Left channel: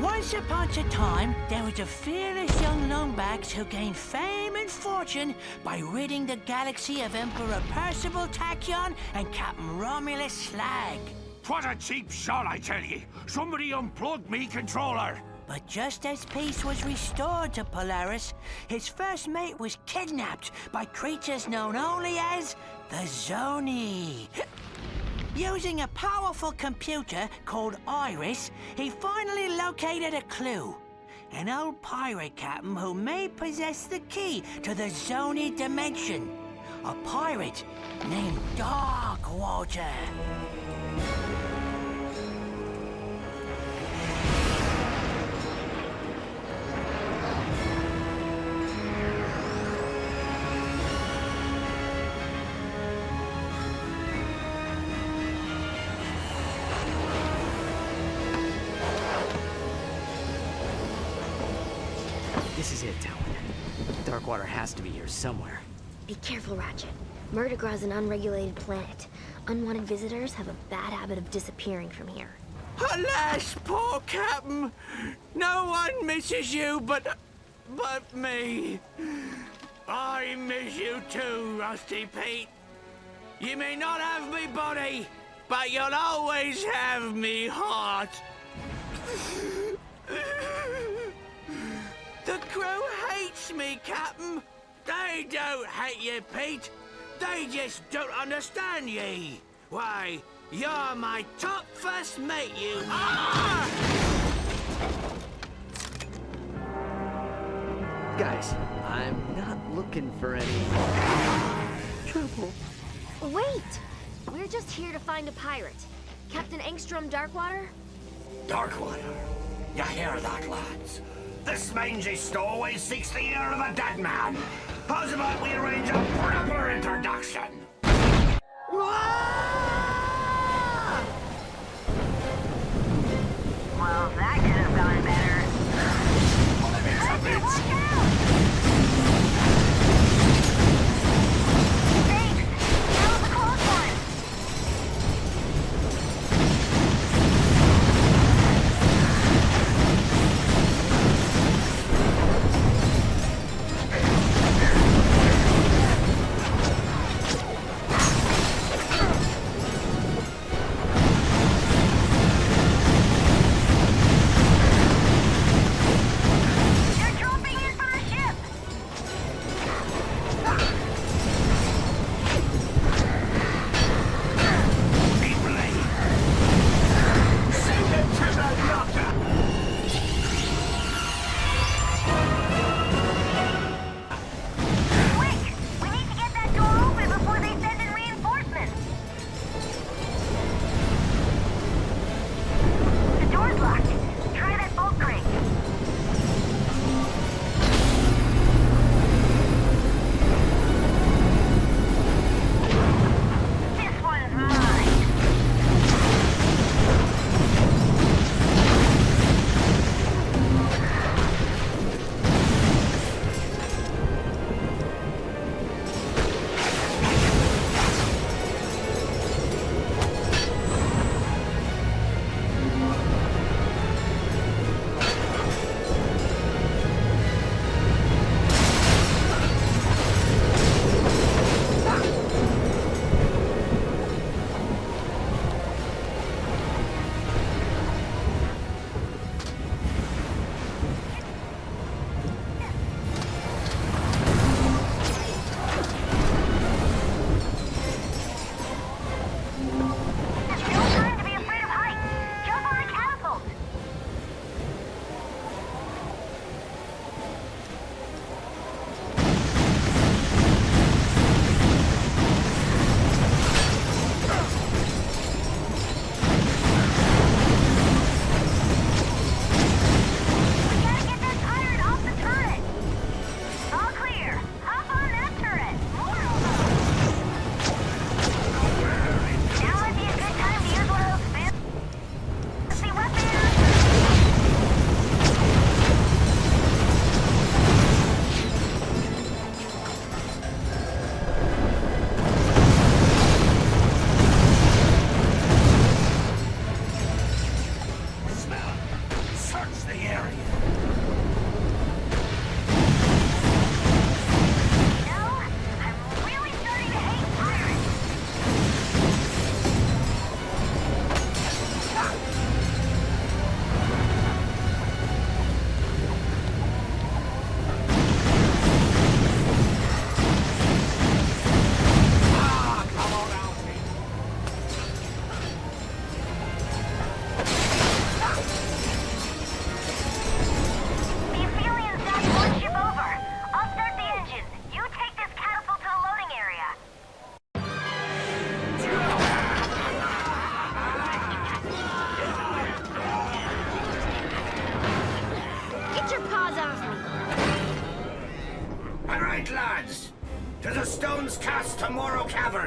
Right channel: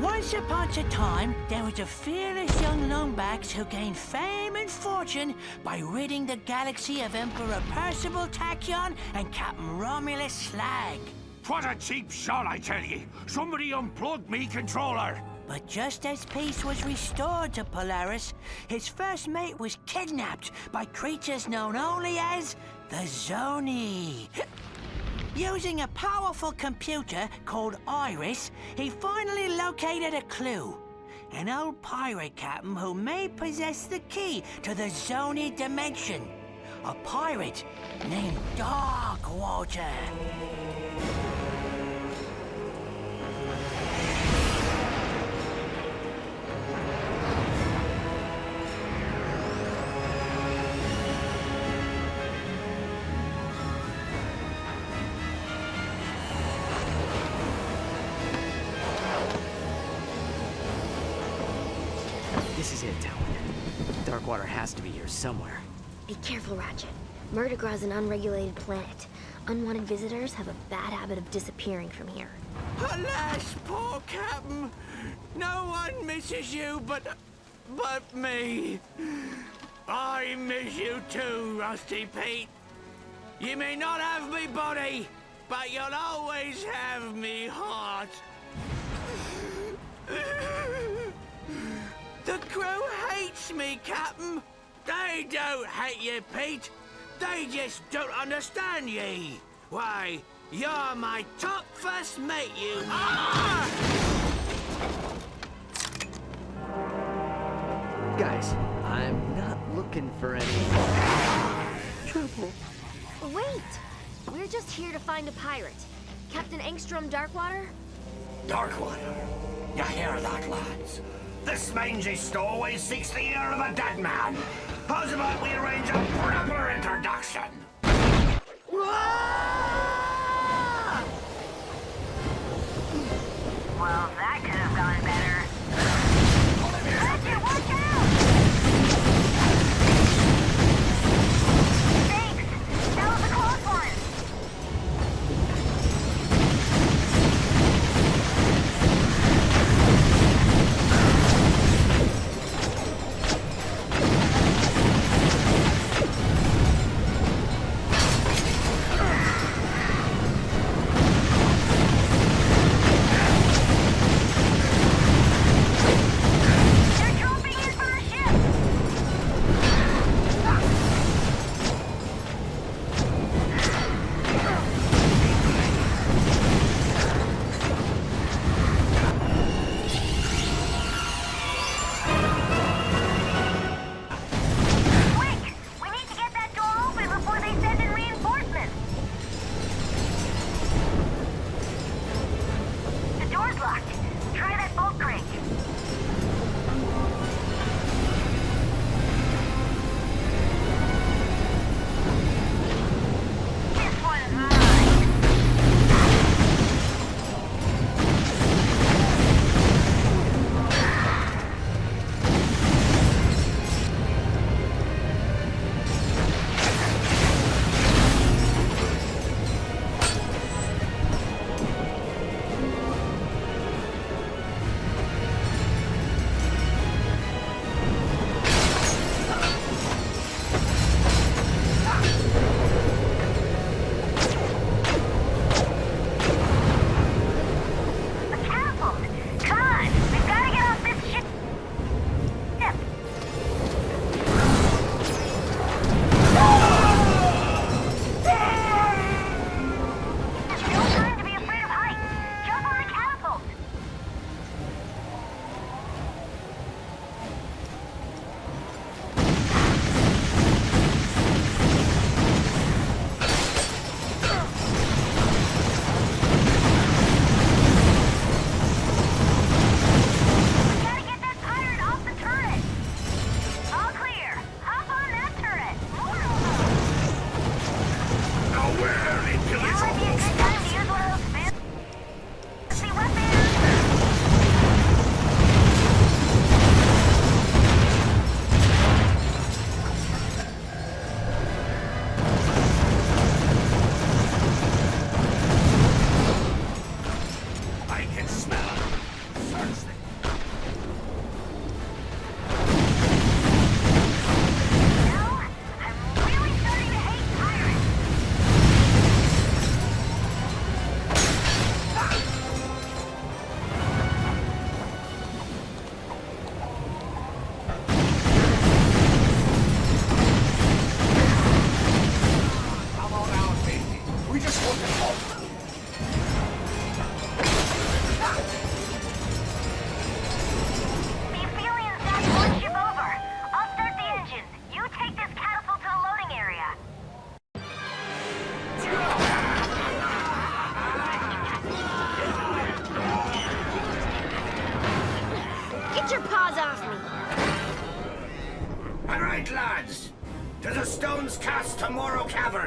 Once upon a time, there was a fearless young longbax who gained fame and fortune by ridding the galaxy of Emperor Percival Tachyon and Captain Romulus Slag. What a cheap shot, I tell ye! Somebody unplugged me controller! But just as peace was restored to Polaris, his first mate was kidnapped by creatures known only as the Zoni. Using a powerful computer called Iris, he finally located a clue. An old pirate captain who may possess the key to the Zoni dimension. A pirate named Darkwater. This is it, Talon. Darkwater has to be here somewhere. Be careful, Ratchet. Murdergra's an unregulated planet. Unwanted visitors have a bad habit of disappearing from here. Alas, poor Captain! No one misses you but me. I miss you too, Rusty Pete. You may not have me body, but you'll always have me heart. The crew hates me, Captain. They don't hate you, Pete. They just don't understand ye. Why, you're my top first mate, you... Ah! Guys, I'm not looking for any trouble. Wait! We're just here to find a pirate. Captain Engstrom Darkwater? Darkwater. You hear that, lads? This mangy stowaway seeks the ear of a dead man. How's about we arrange a proper introduction? Well, that could have gone better. Ratchet, watch out! Thanks! That was a close one!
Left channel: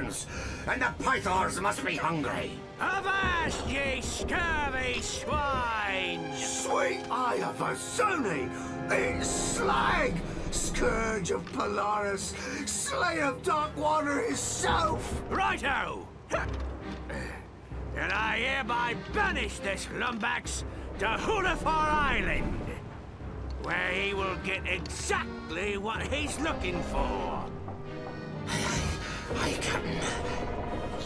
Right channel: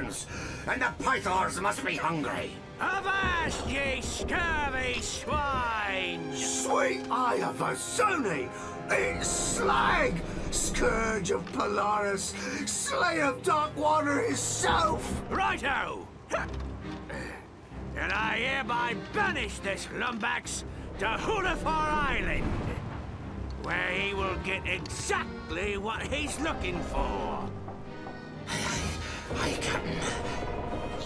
burns, and the pythons must be hungry. Avast, ye scurvy swine! Sweet eye of a Zony! It's Slag! Scourge of Polaris! Slayer of Darkwater himself! Righto! And I hereby banish this lumbax to Hulafar Island, where he will get exactly what he's looking for. Aye, Captain.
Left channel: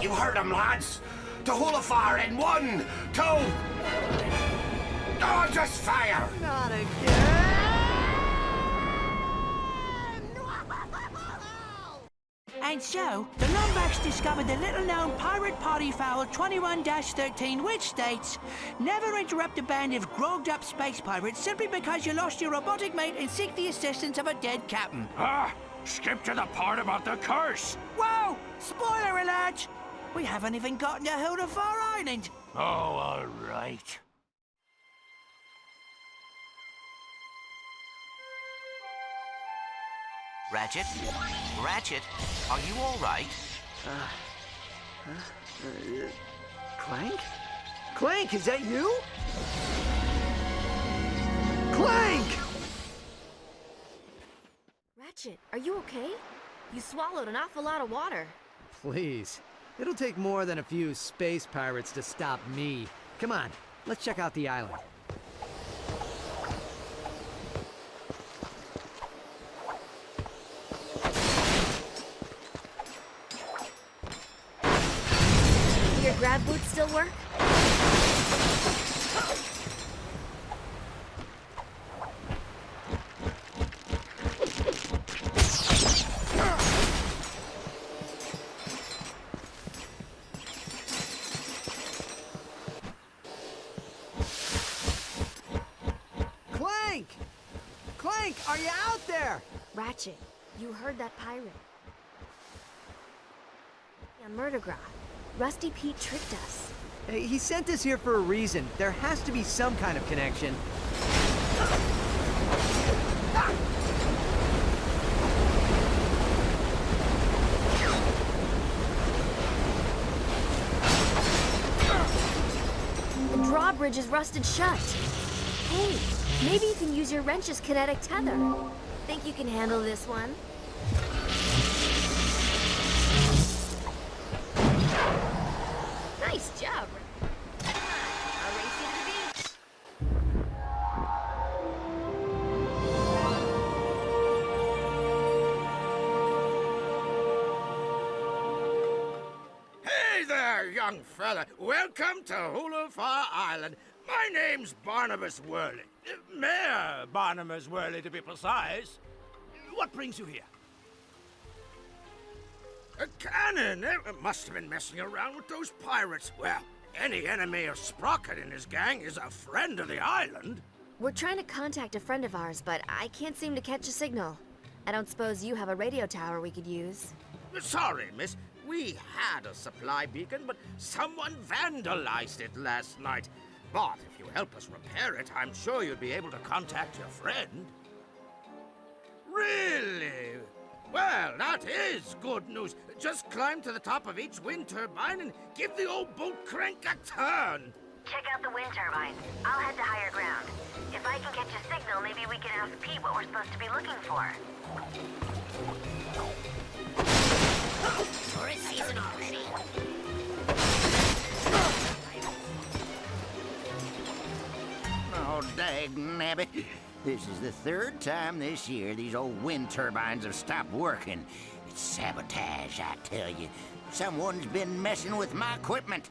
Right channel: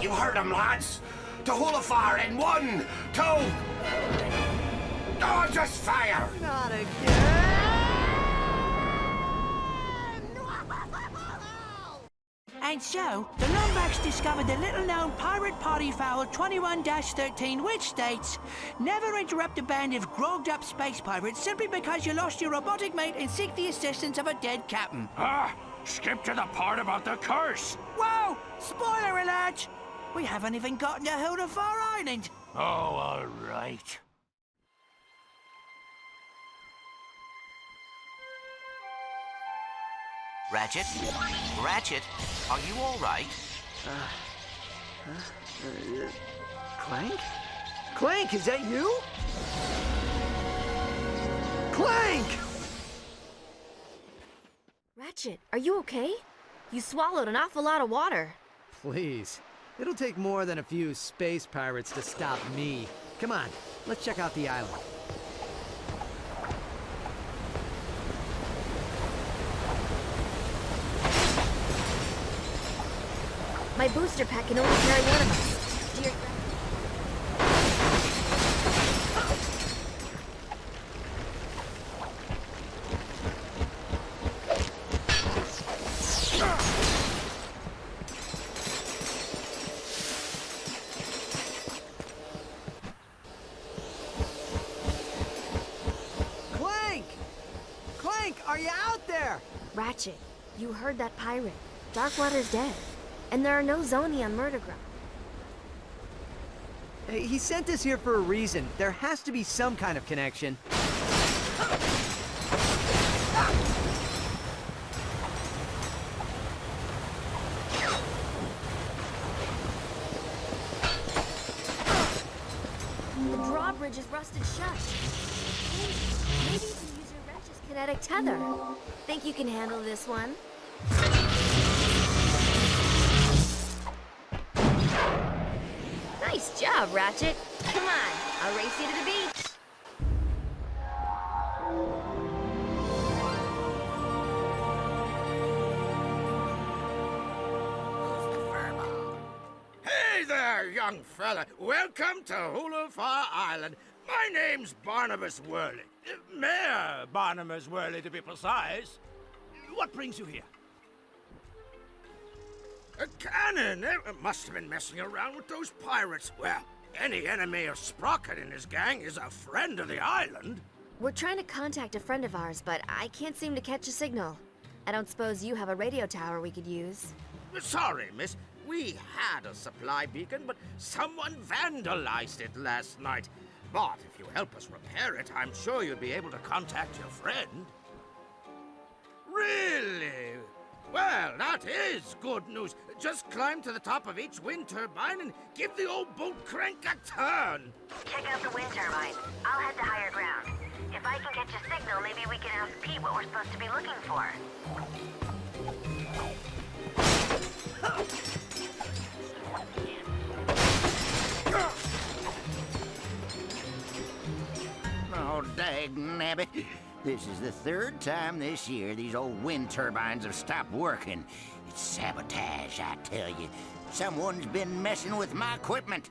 You heard him, lads! To Hulafar in 1, 2... Oh, just fire! Not again! And so, the Lombax discovered the little-known pirate party foul 21-13, which states, never interrupt a band of grogged-up space pirates simply because you lost your robotic mate and seek the assistance of a dead captain. Skip to the part about the curse. Whoa! Spoiler alert! We haven't even gotten to Hulafar Island. Oh, all right. Ratchet? Ratchet, are you all right? Clank? Clank, is that you? Clank! Ratchet, are you okay? You swallowed an awful lot of water. Please. It'll take more than a few space pirates to stop me. Come on, let's check out the island. My booster pack can only carry one. Do your grab boots still work? Clank! Clank, are you out there? Ratchet, you heard that pirate. Darkwater's dead. And there are no Zoni on Murdergra. Rusty Pete tricked us. Hey, he sent us here for a reason. There has to be some kind of connection. The drawbridge is rusted shut. Hey, maybe you can use your wrench's kinetic tether. Think you can handle this one? Nice job, Ratchet. Come on, I'll race you to the beach. Hey there, young fella. Welcome to Hulafar Island. My name's Barnabas Worley. Mayor Barnabas Worley, to be precise. What brings you here? A cannon! It must have been messing around with those pirates. Well, any enemy of Sprocket and his gang is a friend of the island. We're trying to contact a friend of ours, but I can't seem to catch a signal. I don't suppose you have a radio tower we could use. Sorry, miss. We had a supply beacon, but someone vandalized it last night. But if you help us repair it, I'm sure you'd be able to contact your friend. Really? Well, that is good news. Just climb to the top of each wind turbine and give the old boat crank a turn. Check out the wind turbine. I'll head to higher ground. If I can catch a signal, maybe we can ask Pete what we're supposed to be looking for. Oh, dagnabbit. This is the third time this year these old wind turbines have stopped working. It's sabotage, I tell you. Someone's been messing with my equipment.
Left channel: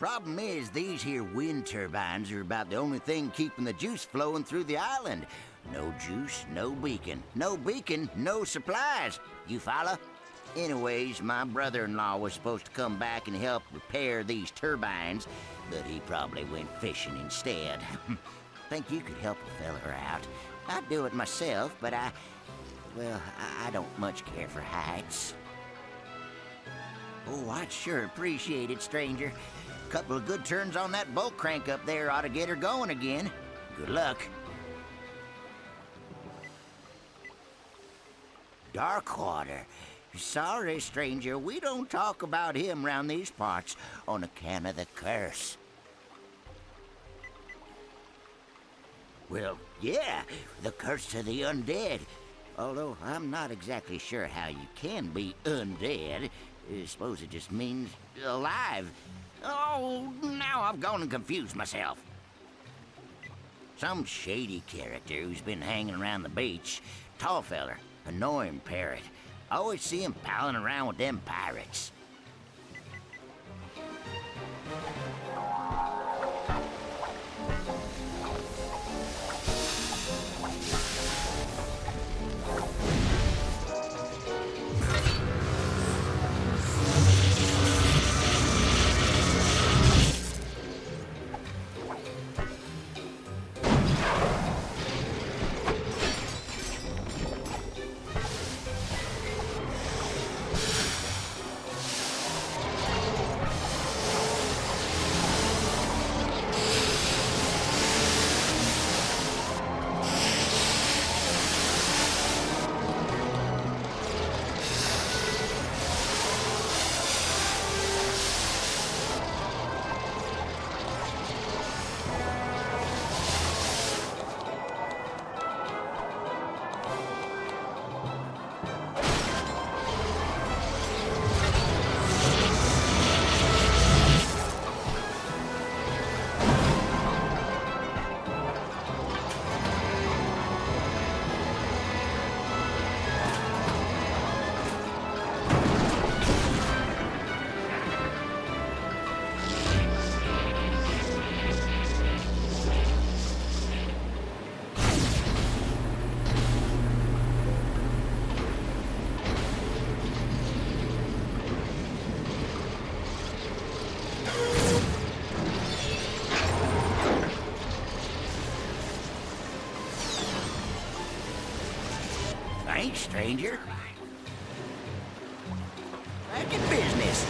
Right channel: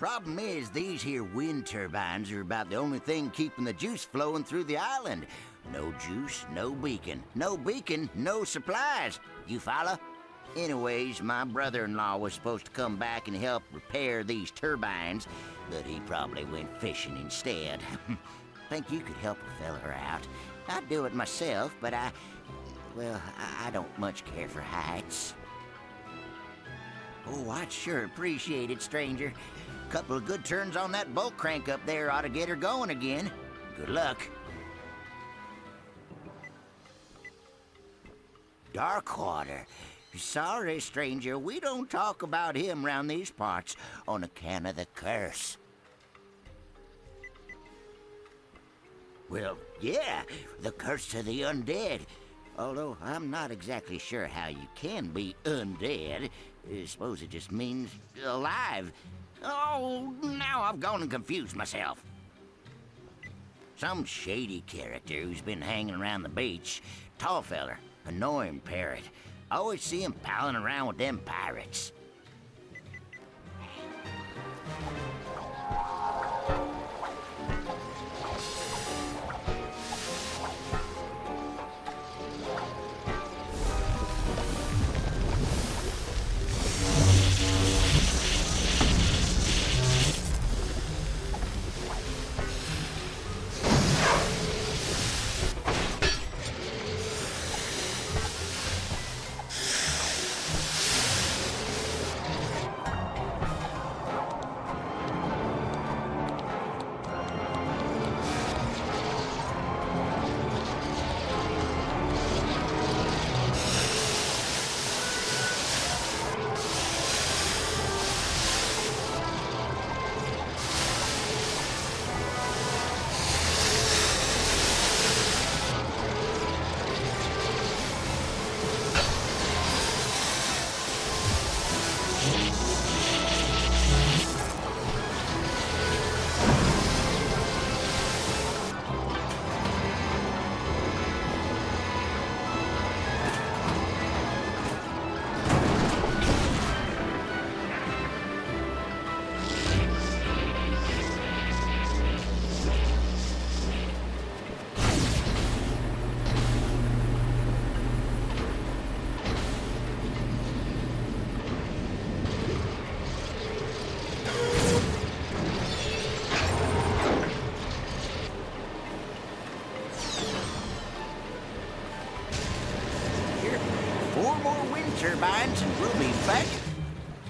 Problem is, these here wind turbines are about the only thing keeping the juice flowing through the island. No juice, no beacon. No beacon, no supplies. You follow? Anyways, my brother-in-law was supposed to come back and help repair these turbines, but he probably went fishing instead. Think you could help a feller out. I'd do it myself, but I don't much care for heights. Oh, I'd sure appreciate it, stranger. Couple of good turns on that bolt crank up there ought to get her going again. Good luck. Darkwater. Sorry, stranger, we don't talk about him round these parts on account of the curse. Well, yeah, the curse of the undead. Although I'm not exactly sure how you can be undead. I suppose it just means alive. Oh, now I've gone and confused myself. Some shady character who's been hanging around the beach. Tall feller, annoying parrot. Always see him palling around with them pirates. Stranger. 4 more wind turbines and we'll be back in business.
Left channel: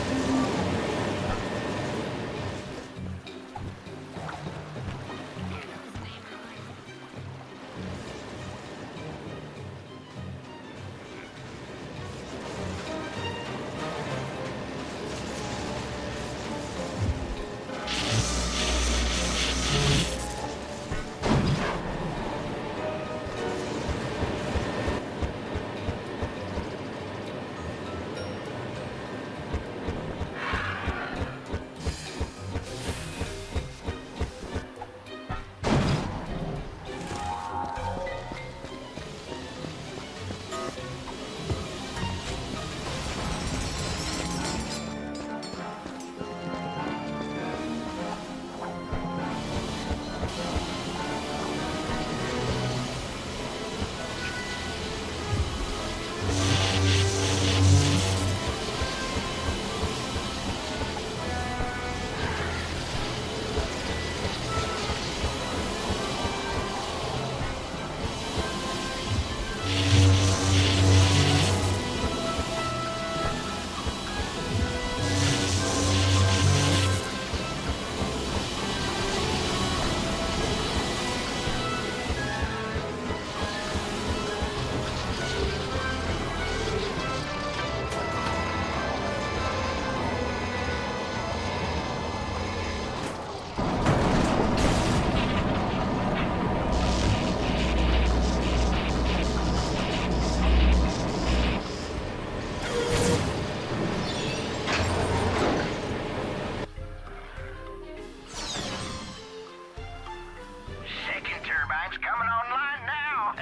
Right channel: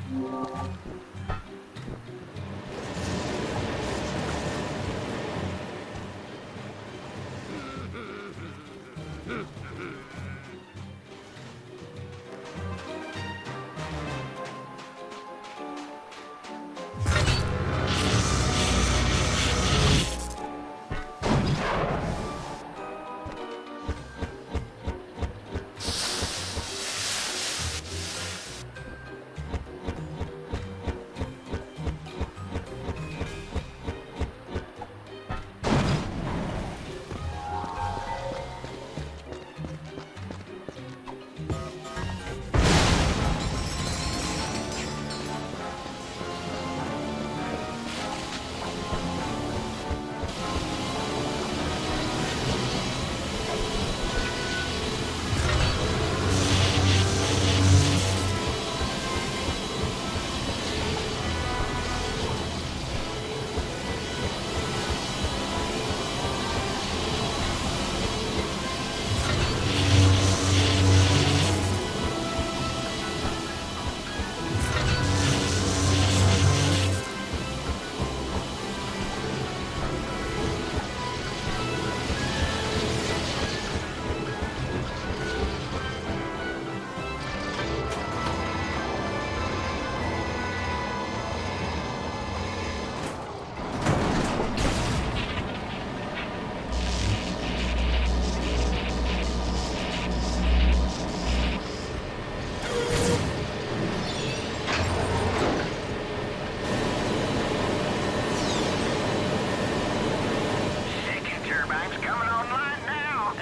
Coming online now.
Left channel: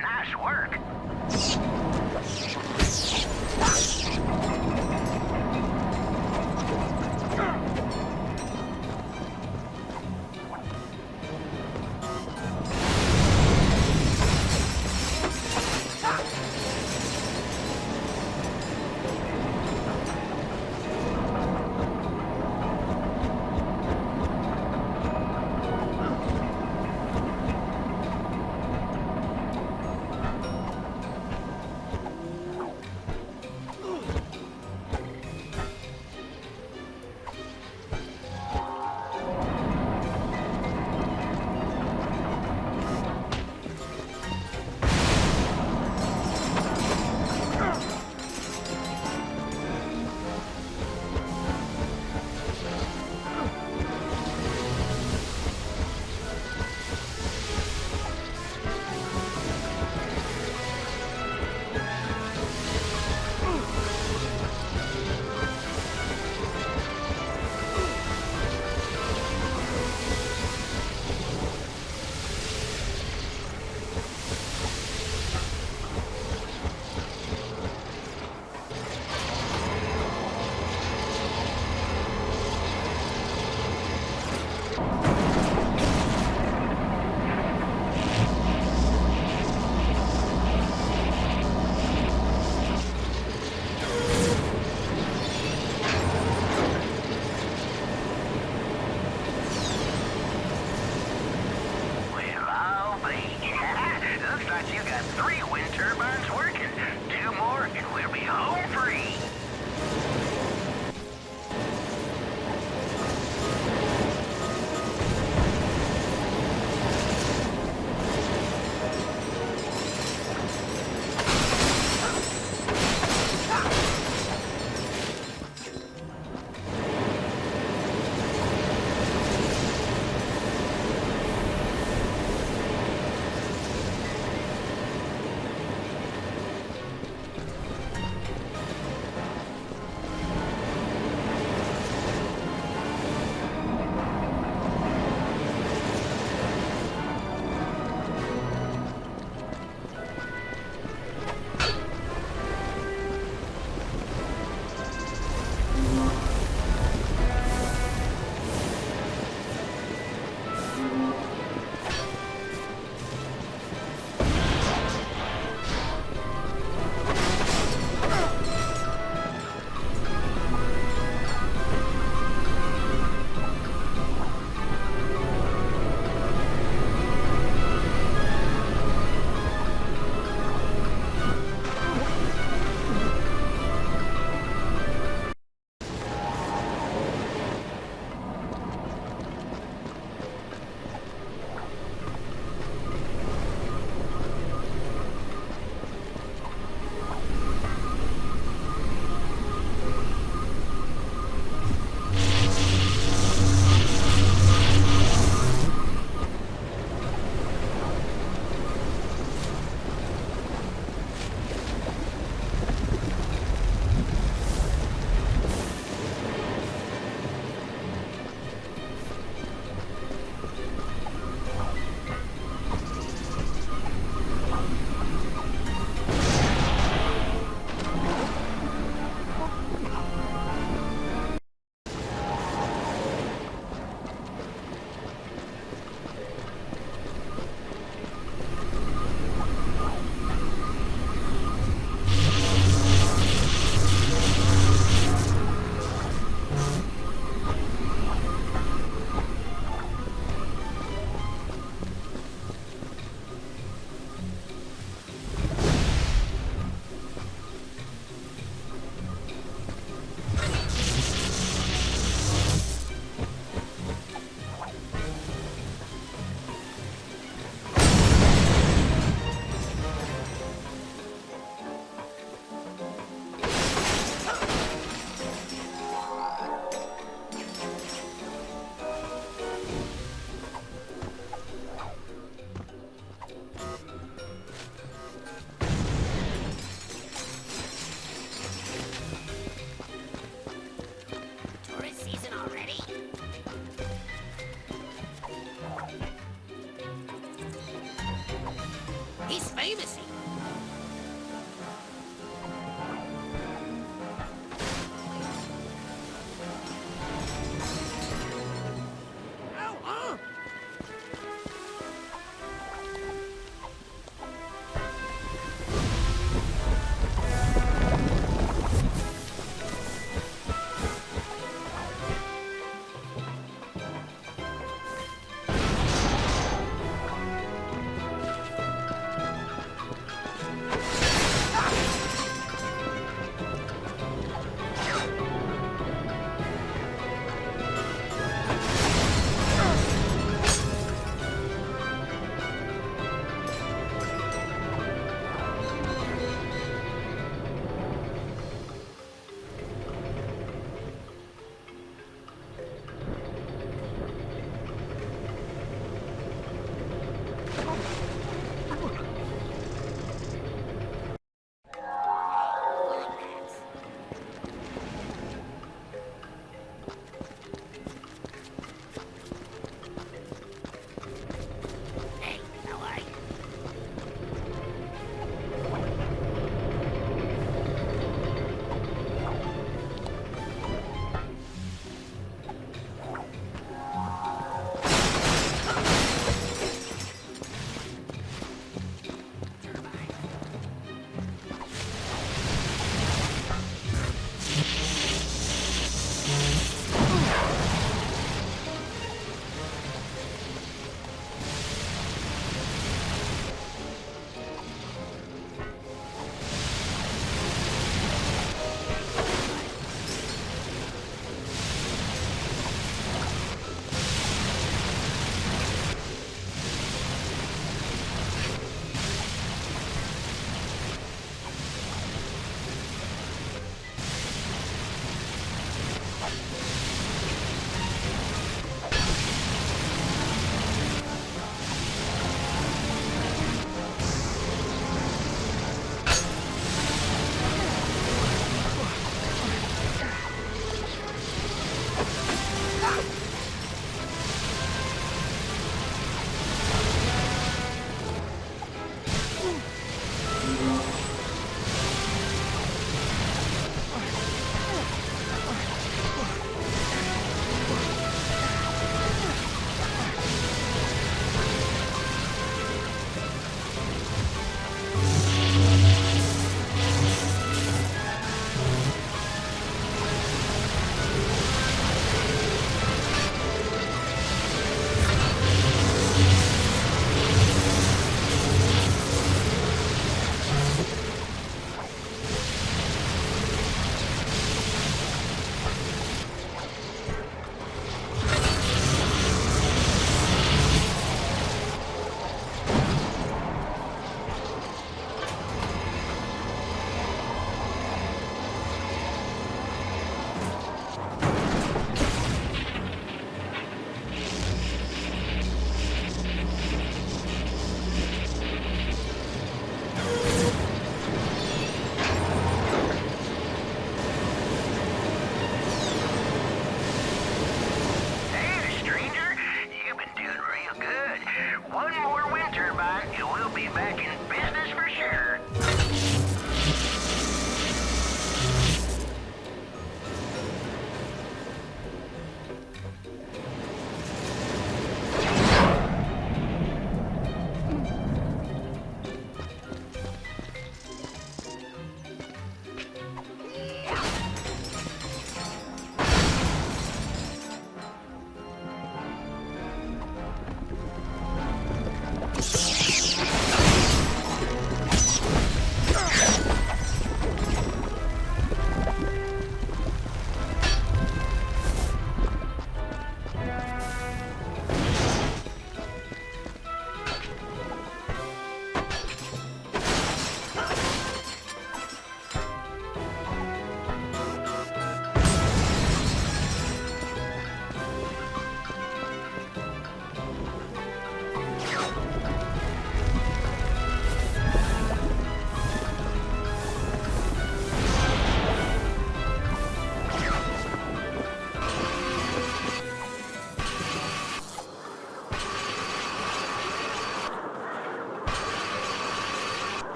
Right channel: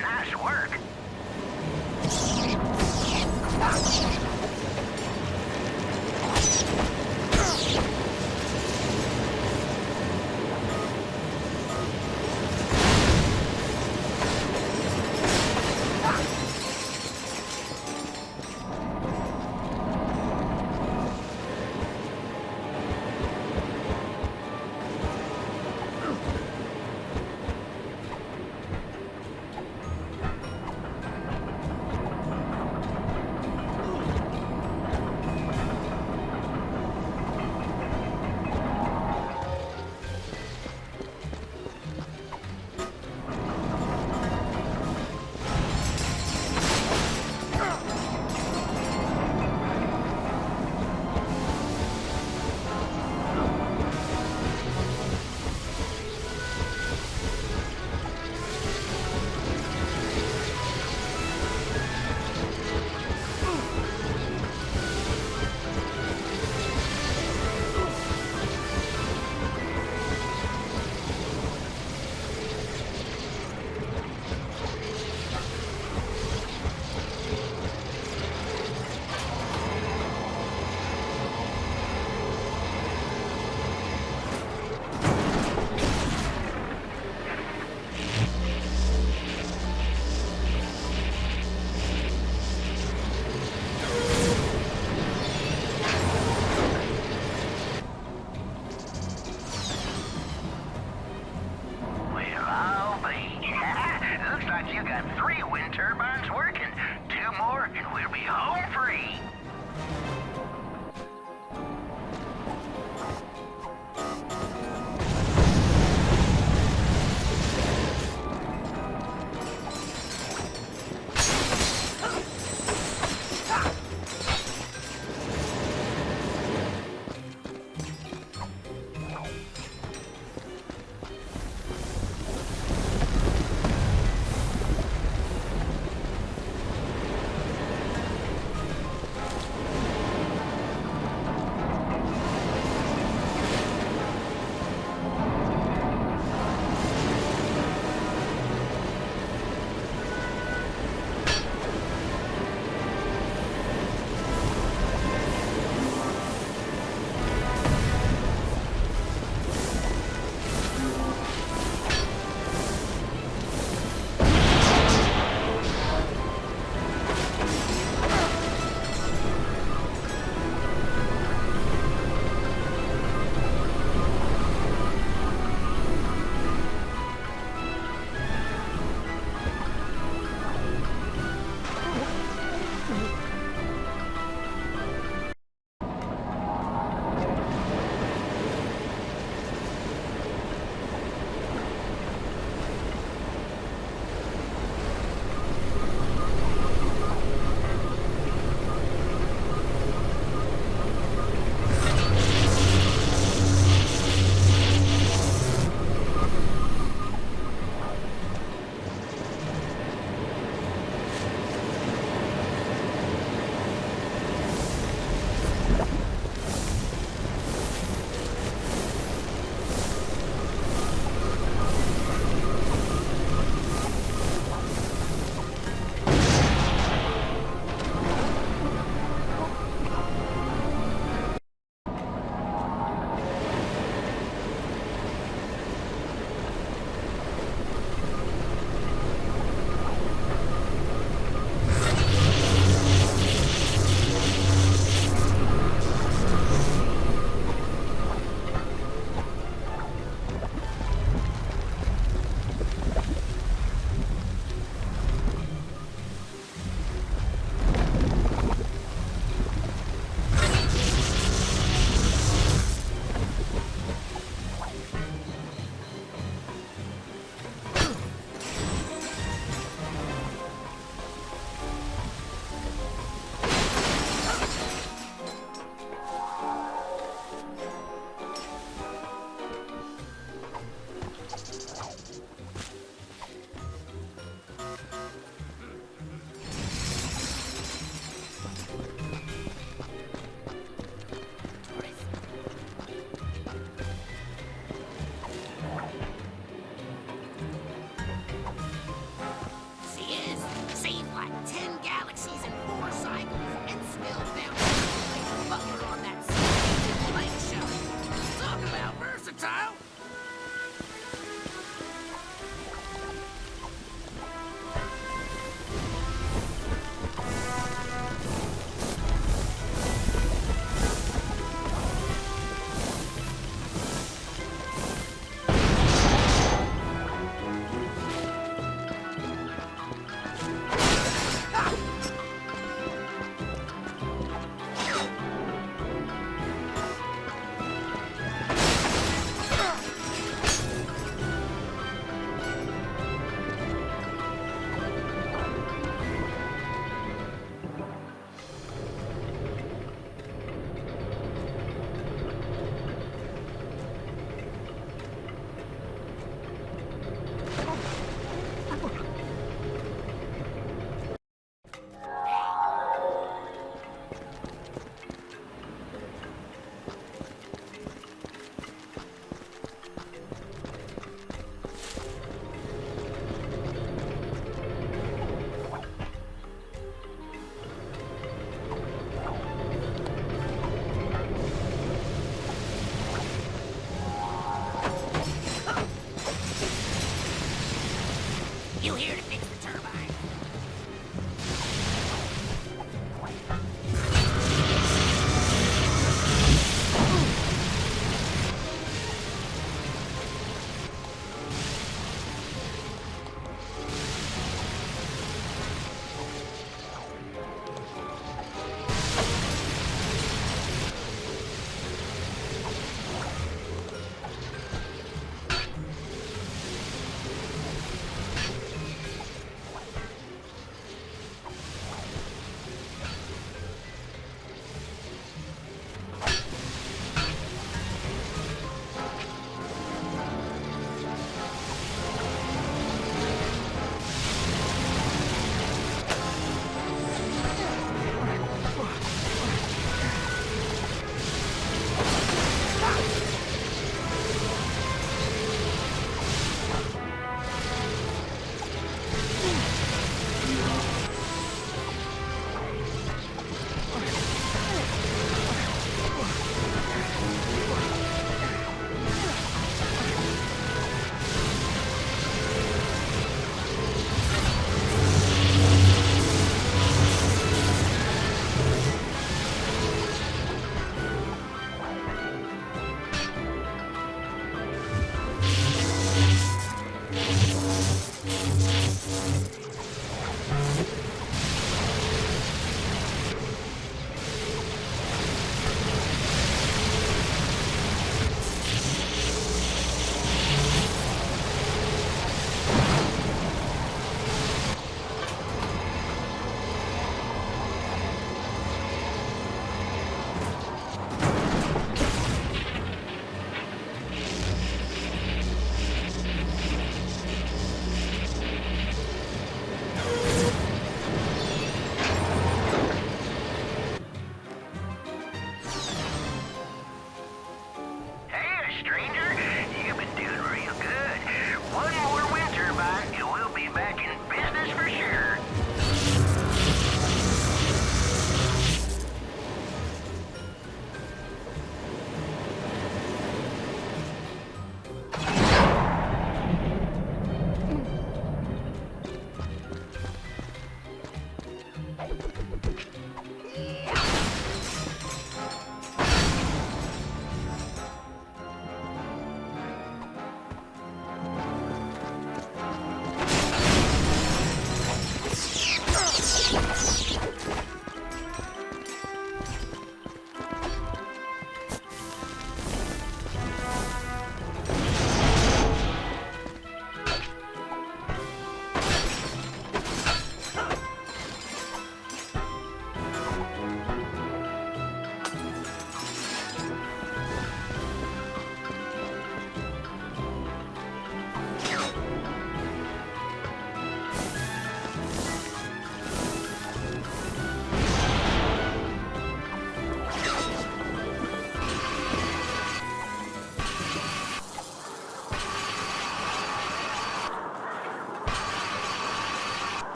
Nice work.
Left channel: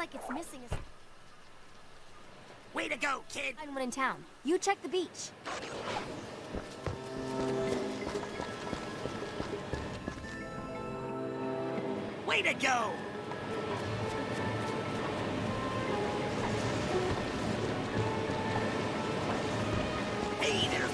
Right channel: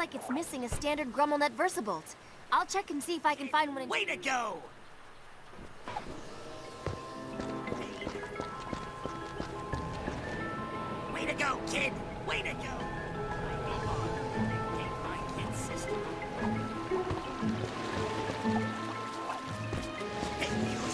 like it's missing a standard GrumbleNet VersaBolt. I'll check and see if I can find one in town. You check the beach. Way to go, kid! Way to go! Hey, there's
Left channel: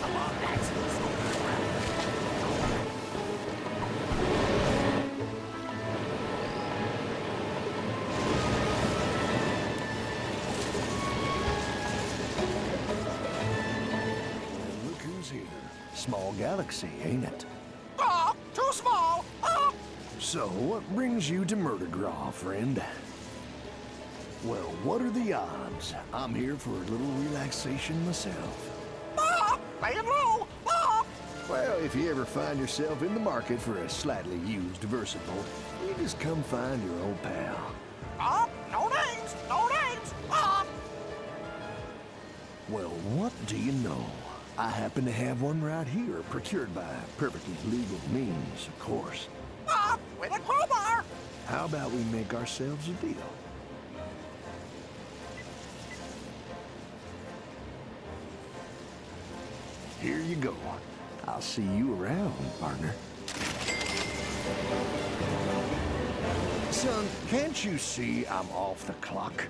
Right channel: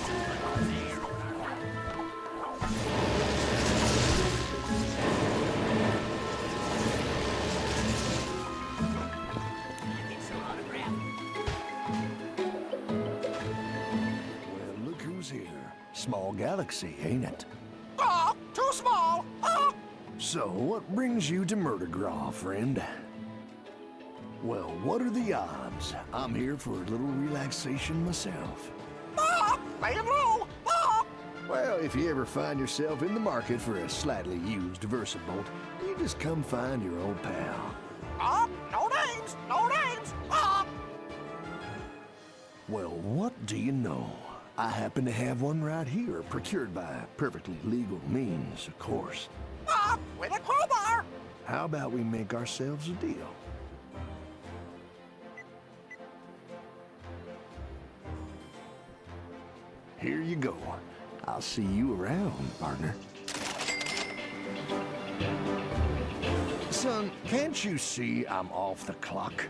Well, look who's here. Small galaxy, ain't it? Oh, too small! Oh! So, what brings you to Murdergraw, friend? Well, what are the odds? I'm here for a little relaxation myself. Oh! Laying low! Oh! Well, if you ever find yourself in the market for a slightly used VersaBolt, you just come find your old pal. Oh! No names! No names! Oh! Well, what do you know? I happen to have one right here, procured by perfectly legal means, of course. Oh! With a crowbar! How about we make ourselves a deal? Here you go. I'll see you around, partner. Son, can't you see I'm off the clock?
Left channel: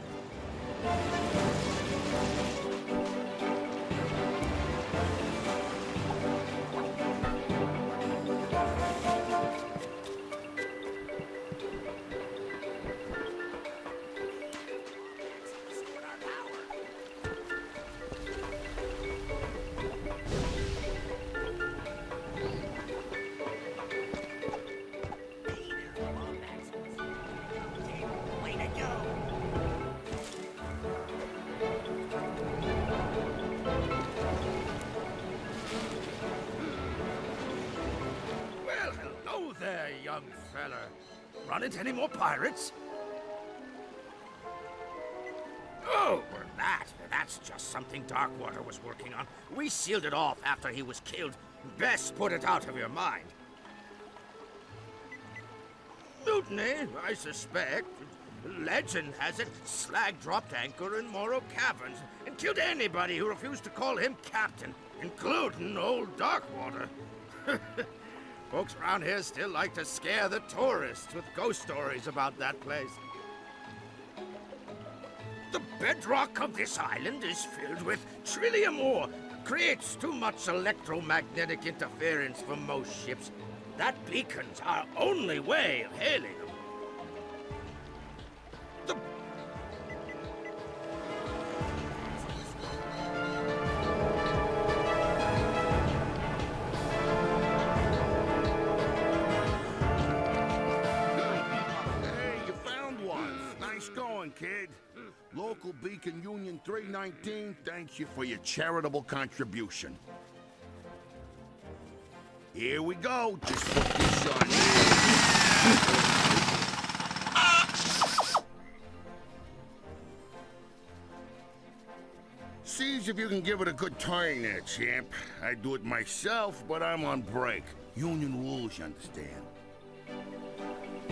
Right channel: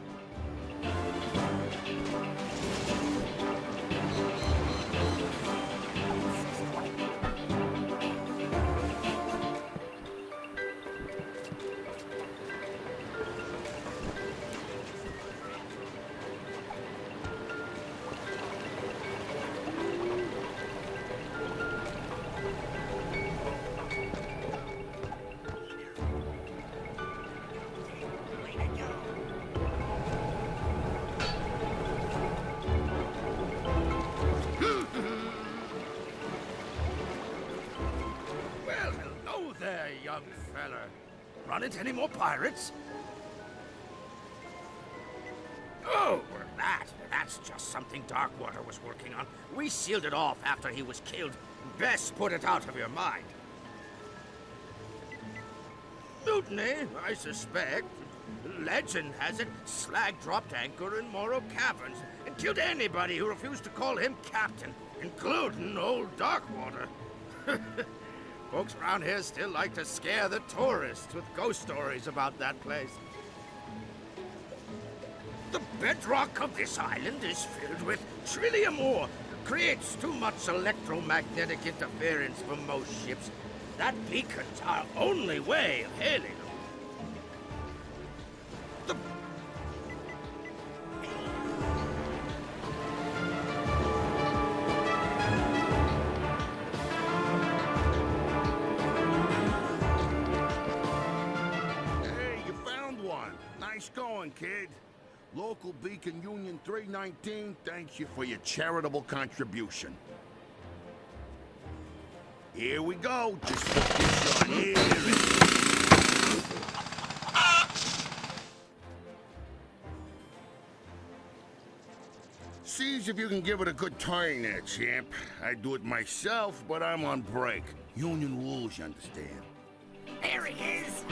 Well, hello there, young fella. Run into any more pirates? Oh, well, that's just something Darkwater was working on. We sealed it off after he was killed. Best put it out of your mind. Mutiny, I suspect. Legend has it, Slag dropped anchor in Morrow Caverns and killed anybody who refused to call him captain, including old Darkwater. Folks around here still like to scare the tourists with ghost stories about that place. The bedrock of this island is filled with trillium ore. Creates too much electromagnetic interference for most ships. That beacon's our only way of hailing them. Hey, you found one. Nice going, kid. Local Beacon Union 319 thanks you for your charitable contribution. Here we go. Just put this on here. Sees if you can give it a good turn there, champ. I'd do it myself, but I'm on break. Union rules, you understand. There he is.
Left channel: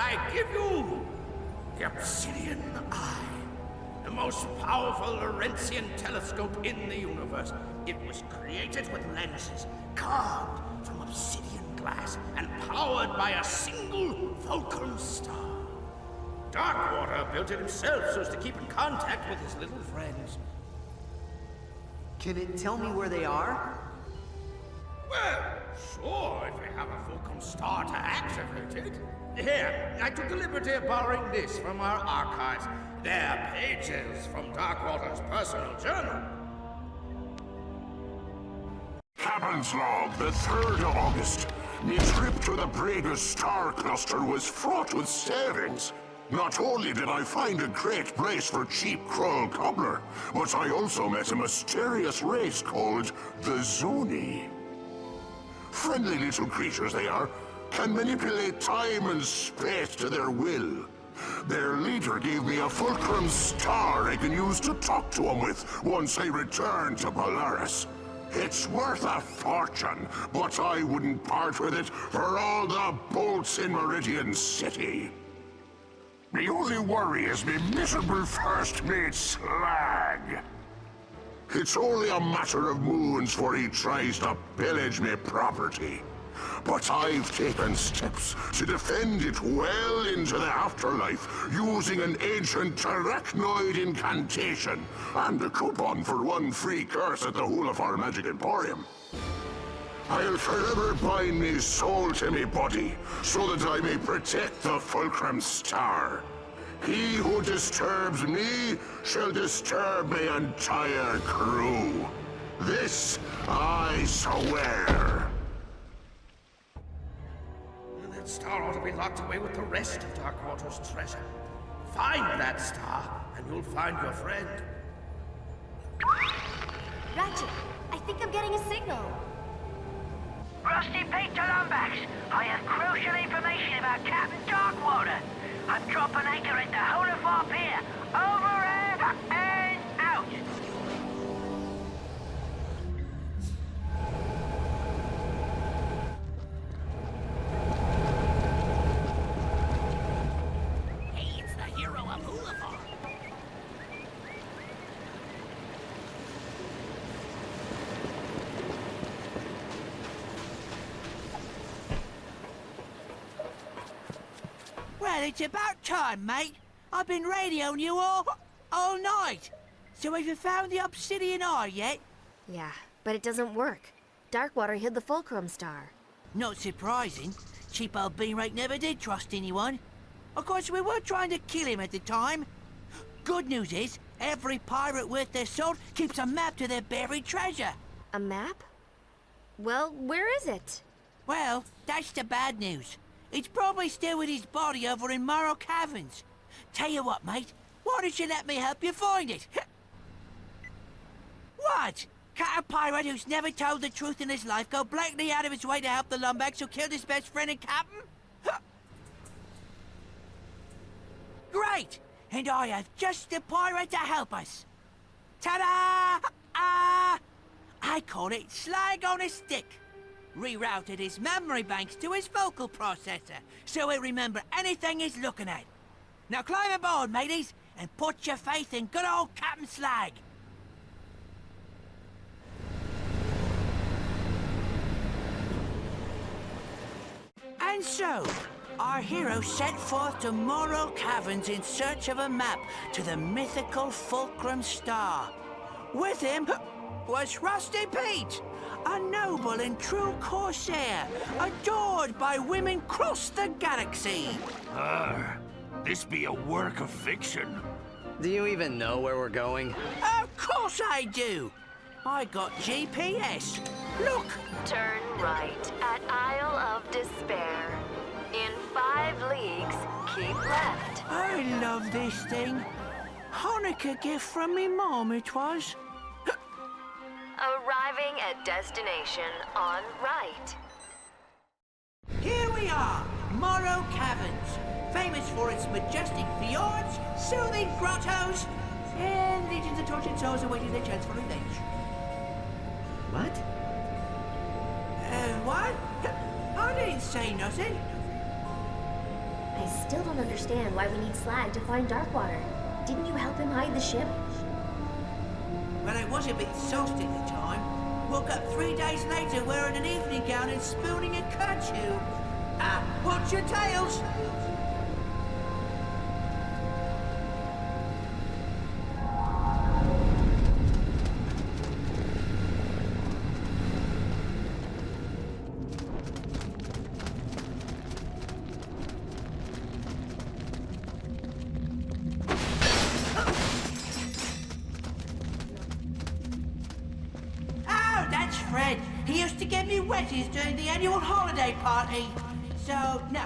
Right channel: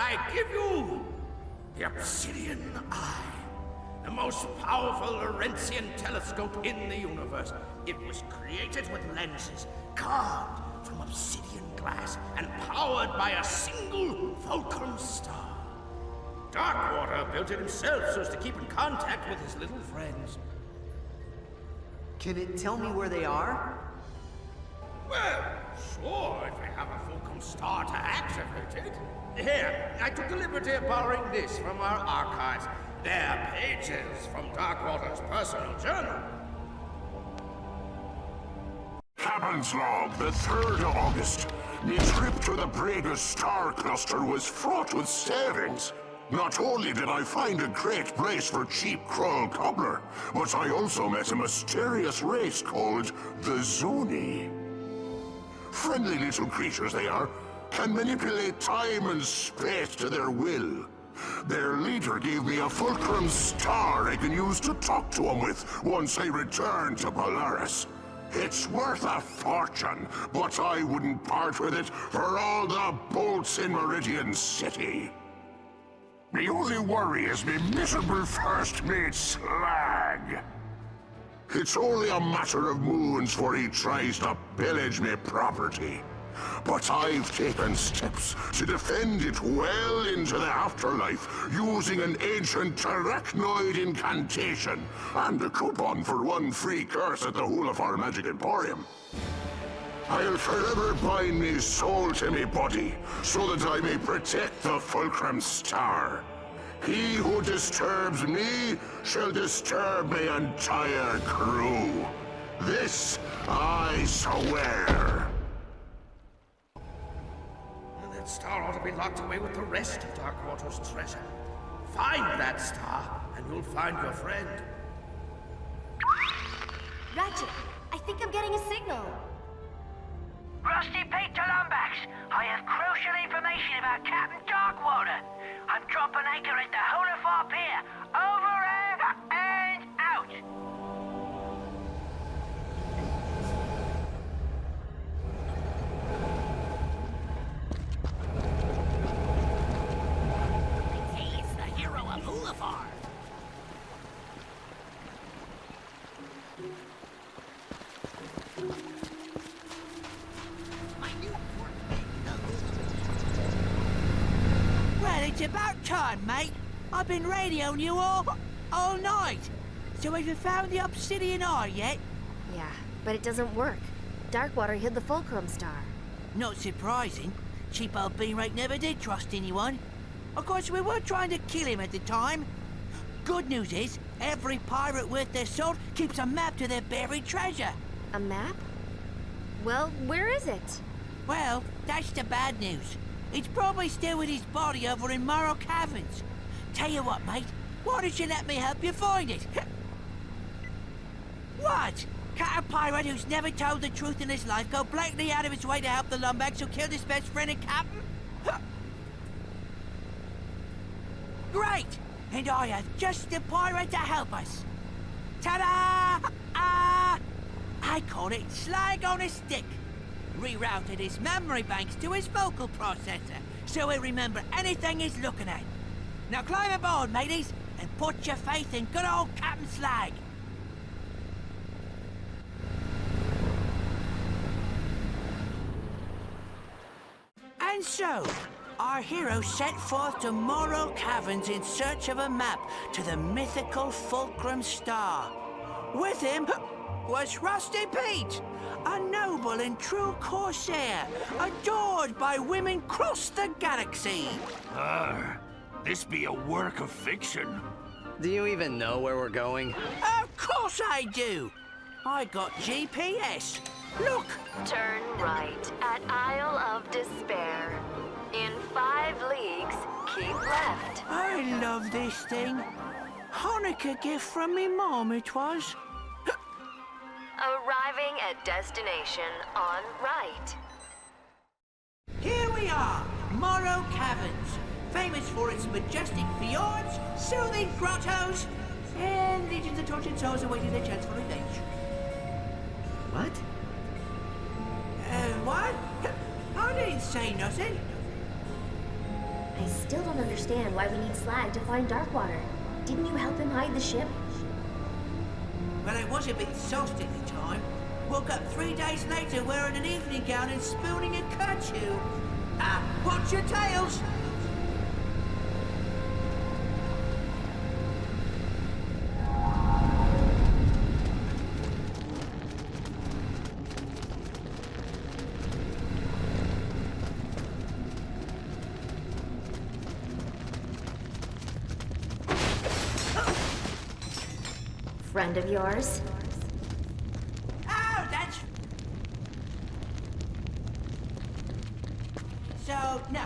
I give you the Obsidian Eye, the most powerful Laurentian telescope in the universe. It was created with lenses carved from obsidian glass and powered by a single fulcrum star. Darkwater built it himself so as to keep in contact with his little friends. Can it tell me where they are? Well, sure, if we have a fulcrum star to activate it. Here, I took the liberty of borrowing this from our archives. They're pages from Darkwater's personal journal. Captain's log, the 3rd of August. My trip to the Braga star cluster was fraught with savings. Not only did I find a great place for cheap Krull cobbler, but I also met a mysterious race called the Zoni. Friendly little creatures they are, can manipulate time and space to their will. Their leader gave me a fulcrum star I can use to talk to him with once I return to Polaris. It's worth a fortune, but I wouldn't part with it for all the bolts in Meridian City. The only worry is me miserable first mate Slag. It's only a matter of moons before he tries to pillage me property. But I've taken steps to defend it well into the afterlife using an ancient arachnoid incantation and a coupon for 1 free curse at the Hulafar Magic Emporium. I'll forever bind me soul to me body so that I may protect the Fulcrum Star. He who disturbs me shall disturb my entire crew. This I swear. That star ought to be locked away with the rest of Darkwater's treasure. Find that star, and you'll find your friend. Ratchet, I think I'm getting a signal. Rusty Pete to Lumbax. I have crucial information about Captain Darkwater. I'm dropping anchor at the Hulafar Pier. Over and out. Hey, it's the hero of Hulafar. Well, it's about time, mate. I've been radioing you all night. So have you found the Obsidian Eye yet? Yeah, but it doesn't work. Darkwater hid the Fulcrum Star. Not surprising. Cheap old Beanrake never did trust anyone. Of course, we were trying to kill him at the time. Good news is, every pirate worth their salt keeps a map to their buried treasure. A map? Well, where is it? Well, that's the bad news. It's probably still with his body over in Morrow Caverns. Tell you what, mate, why don't you let me help you find it? What? Can't a pirate who's never told the truth in his life go blatantly out of his way to help the lumbags who killed his best friend and captain? Great! And I have just the pirate to help us. Ta-da! I call it Slag on a Stick. Rerouted his memory banks to his vocal processor, so he'll remember anything he's looking at. Now climb aboard, mateys, and put your faith in good old Captain Slag. And so, our hero set forth to Morrow Caverns in search of a map to the mythical Fulcrum Star. With him was Rusty Pete, a noble and true corsair, adored by women across the galaxy. This be a work of fiction. Do you even know where we're going? Of course I do. I got GPS. Look. Turn right at Isle of Despair. In 5 leagues, keep left. I love this thing. Hanukkah gift from me mom it was. Arriving at destination on right. Here we are, Morrow Caverns, famous for its majestic fjords, soothing grottos, and legions of tortured souls awaiting their chance for revenge. What? What? I didn't say nothing. I still don't understand why we need Slag to find Darkwater. Didn't you help him hide the ship? Well, I was a bit sauced at the time. Woke up 3 days later wearing an evening gown and spooning a kerchew. Ah, watch your tails! Friend of yours? Oh, that's Fred. He used to give me wedgies during the annual holiday party. So, no.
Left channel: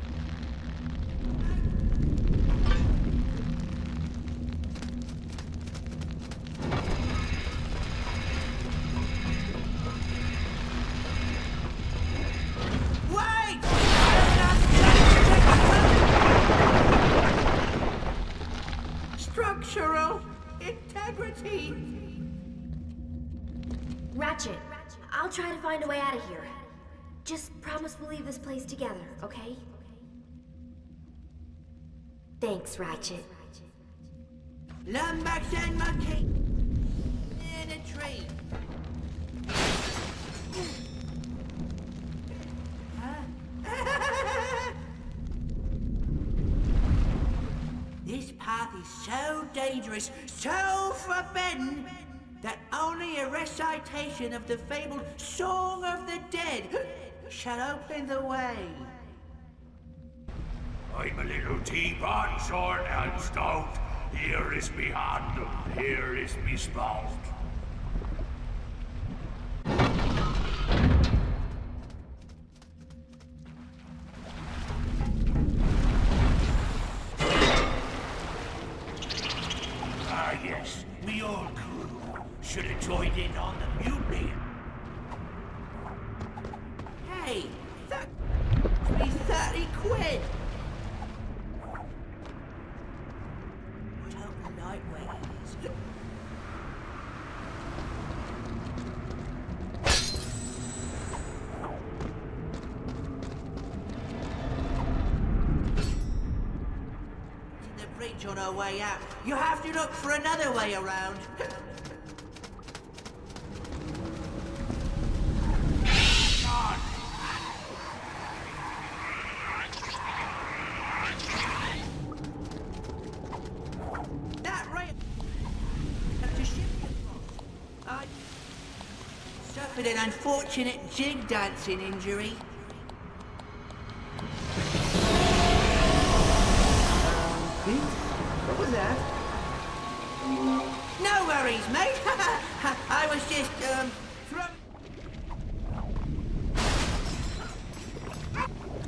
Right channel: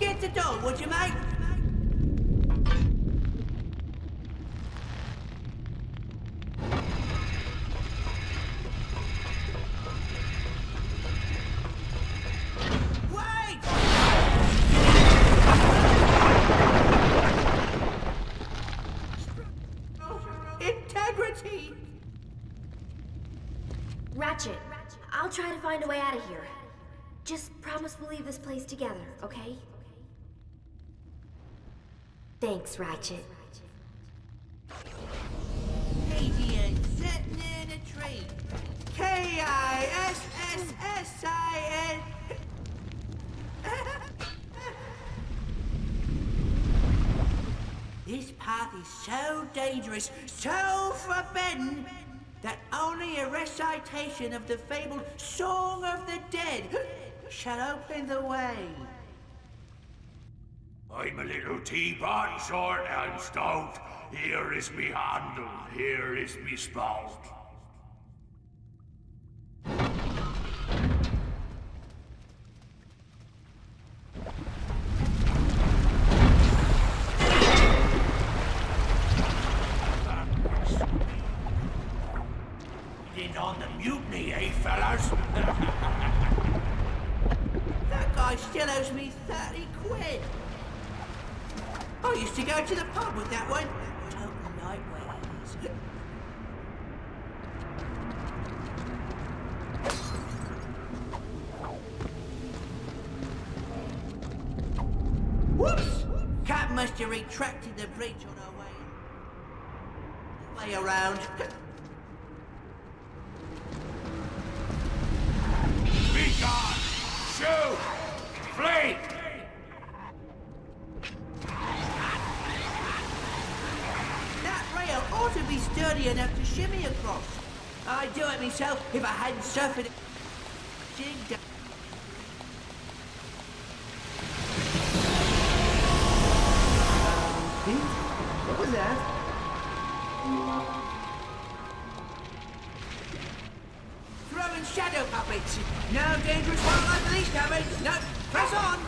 Get the door, would you, mate? Wait! Structural integrity. Ratchet, I'll try to find a way out of here. Just promise we'll leave this place together, okay? Thanks, Ratchet. Lumbax and Marcadian sitting in a tree. K-I-S-S-S-I-N. This path is so dangerous, so forbidden, that only a recitation of the fabled Song of the Dead shall open the way. I'm a little teapot, short and stout. Here is me handle, here is me spout. Ah, yes, me old crew. Should have joined in on the mutiny, eh, fellas? Hey, that guy still owes me 30 quid. I used to go to the pub with that one. Total nightmares. Whoops! Cat must have retracted the bridge on her way out. You have to look for another way around. Gone! Shoot! Flee! That rail ought to be sturdy enough to shimmy across. I'd do it myself if I hadn't suffered an unfortunate jig dancing injury. Pete? What was that? No worries, mate. I was just, throwing shadow puppets. No dangerous one like these cupboards. No, press on.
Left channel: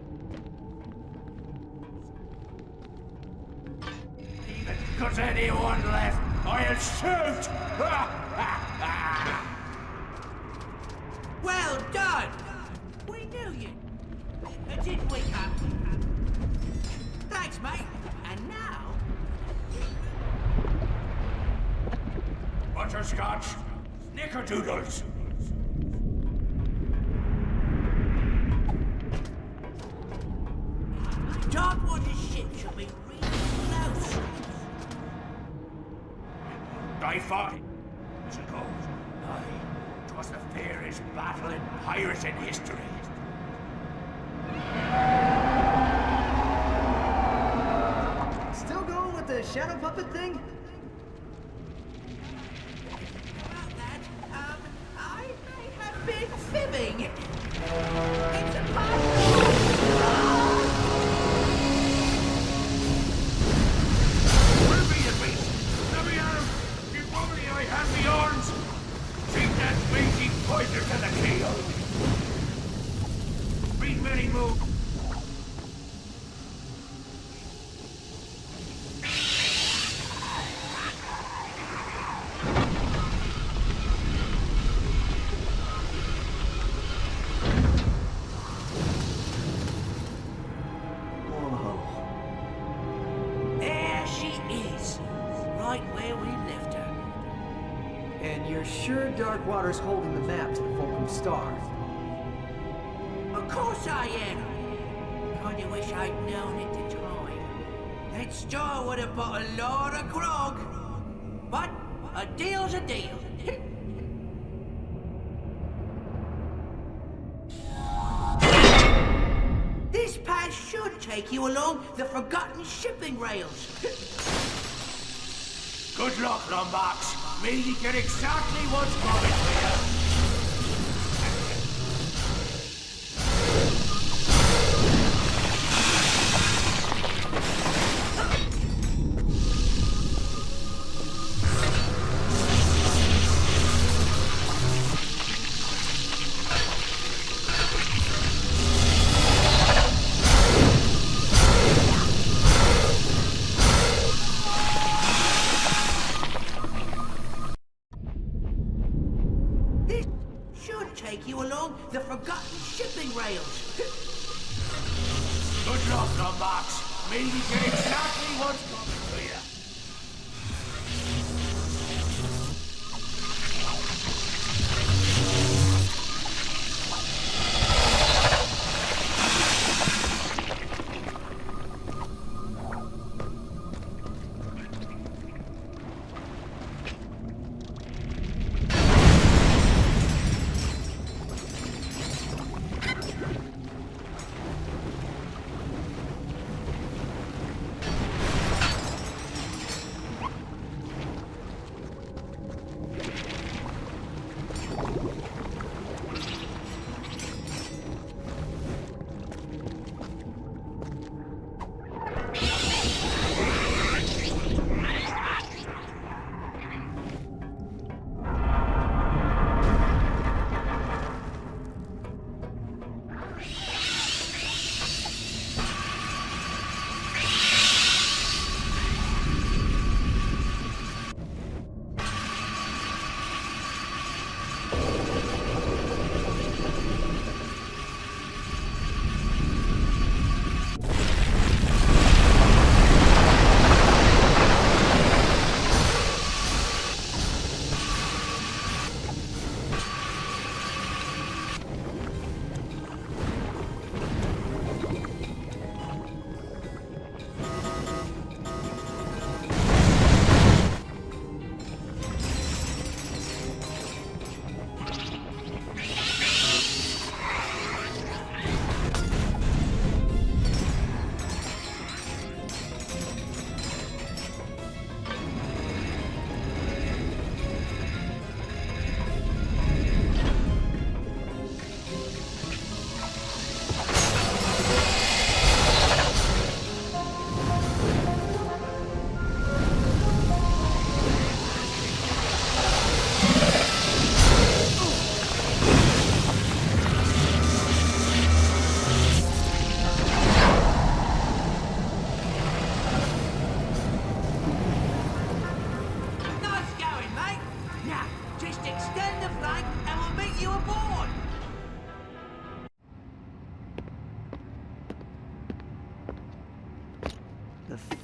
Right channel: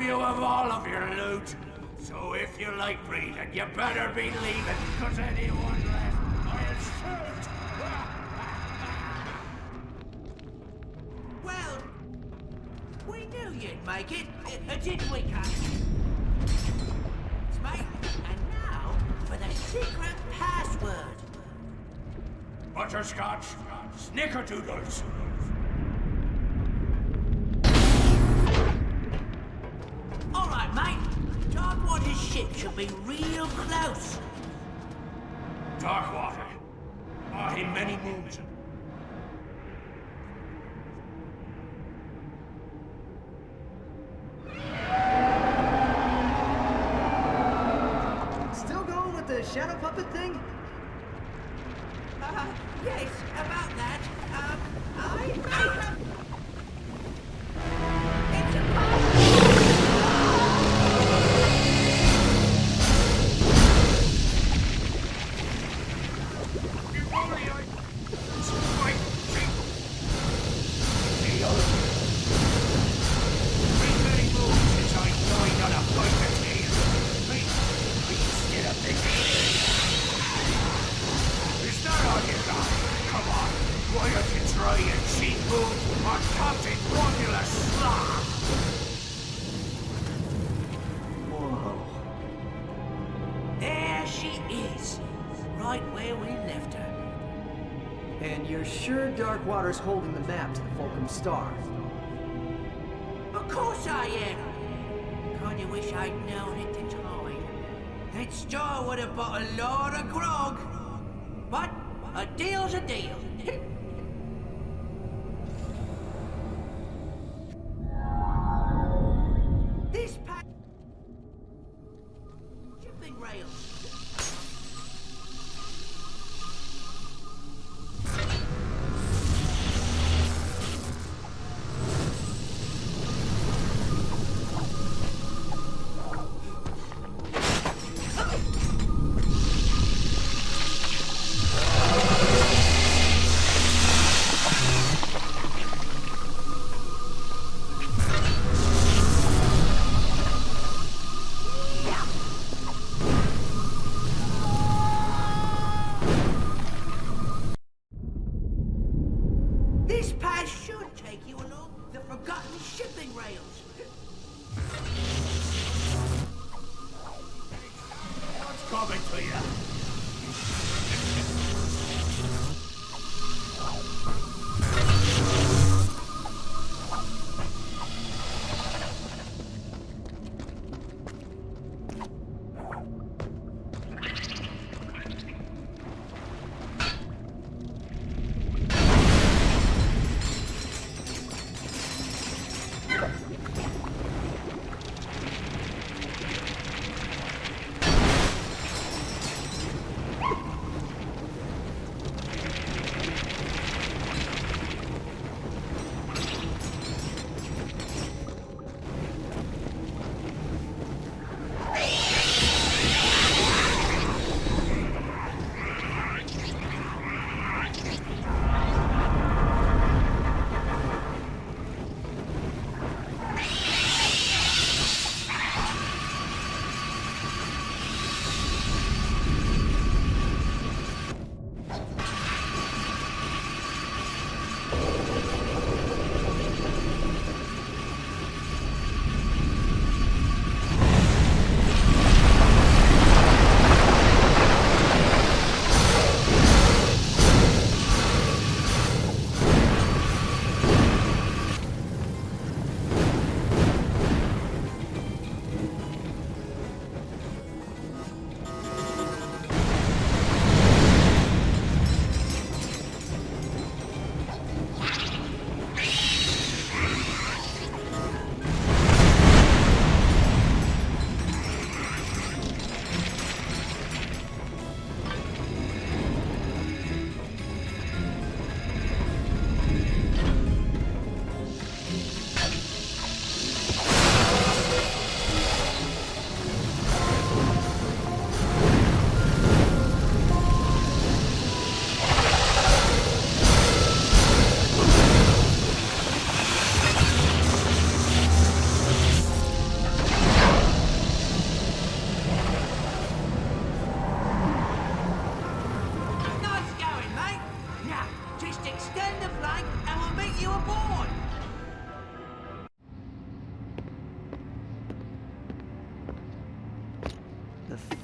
rob you of all of your loot. So if you like breathing, you better be leaving, cause anyone left, I'll shoot! Well done! We knew you'd make it, didn't we, Cap? Thanks, mate. And now for the secret password. Butterscotch, snickerdoodles. All right, mate. Darkwater's ship should be real close. Darkwater. I fought him many moons ago. It was the fairest battle in pirate in history. Still going with the shadow puppet thing? Yes, about that. I may have been fibbing. It's a password. If only I had the arms, I'd take that blinking poison to the keel. Been many moons since I joined on a poison tail. We still a big. It's not on your own. Come on, why don't you try and see moon on Captain Formula Slot? Whoa. There she is. Right where we left her. And you're sure Darkwater's holding the map to the Fulcrum Star? Of course I am. Kinda wish I'd known at the time. That star would have bought a lot of grog. But a deal's a deal. This path should take you along the forgotten shipping rails. Good luck, Lombax. May you get exactly what's coming to you. This path should take you along the forgotten shipping rails. Good luck, Lombax. May you get exactly what's coming to you.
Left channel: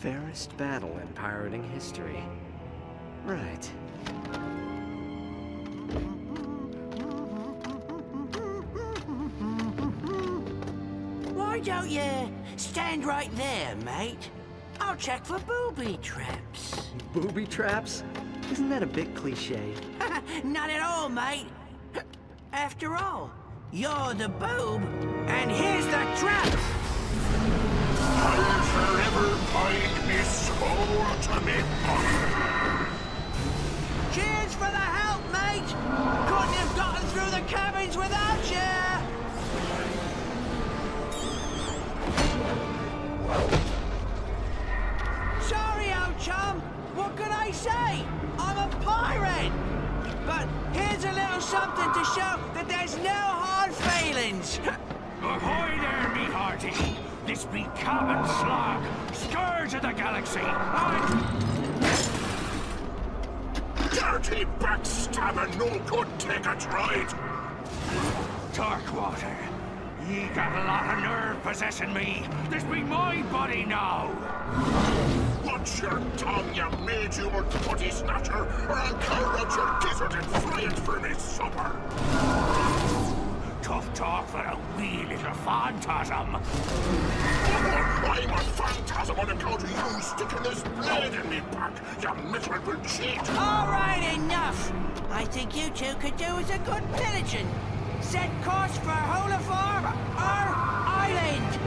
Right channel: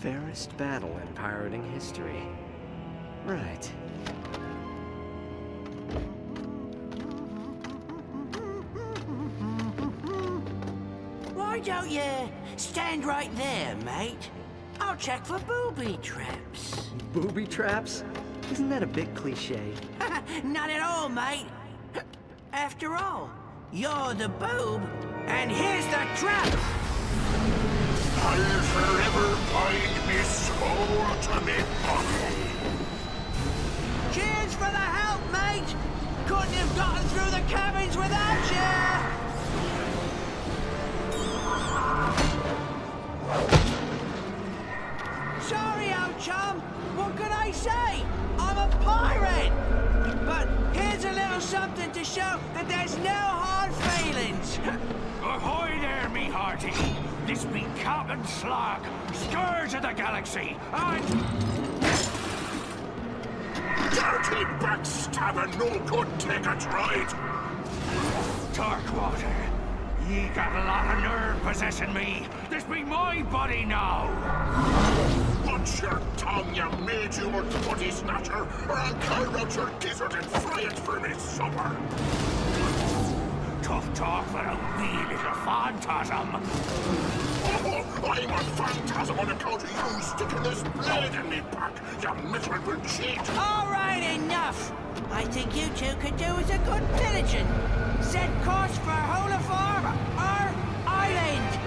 fairest battle in pirating history. Right. Why don't you stand right there, mate? I'll check for booby traps. Booby traps? Isn't that a bit cliche? Not at all, mate. After all, you're the boob, and here's the trap! I'll forever bind me soul to me body. Cheers for the help, mate! Couldn't have gotten through the cabins without you! Sorry, old chum. What can I say? I'm a pirate! But here's a little something to show that there's no hard feelings. Ahoy there, me hearty! This be Captain Slog, scourge of the galaxy, and... Dirty backstabber, no good take a ride. Darkwater, ye got a lot of nerve possessing me. This be my body now. Watch your tongue, you made-humor putty snatcher, or I'll carve out your gizzard and fry it for me supper. Tough talk for a wee little phantasm. Oh, I'm a phantasm on account of you sticking this blade in me back, you miserable cheat. All right, enough. I think you two could do with a good pillaging. Set course for Holafar, our island.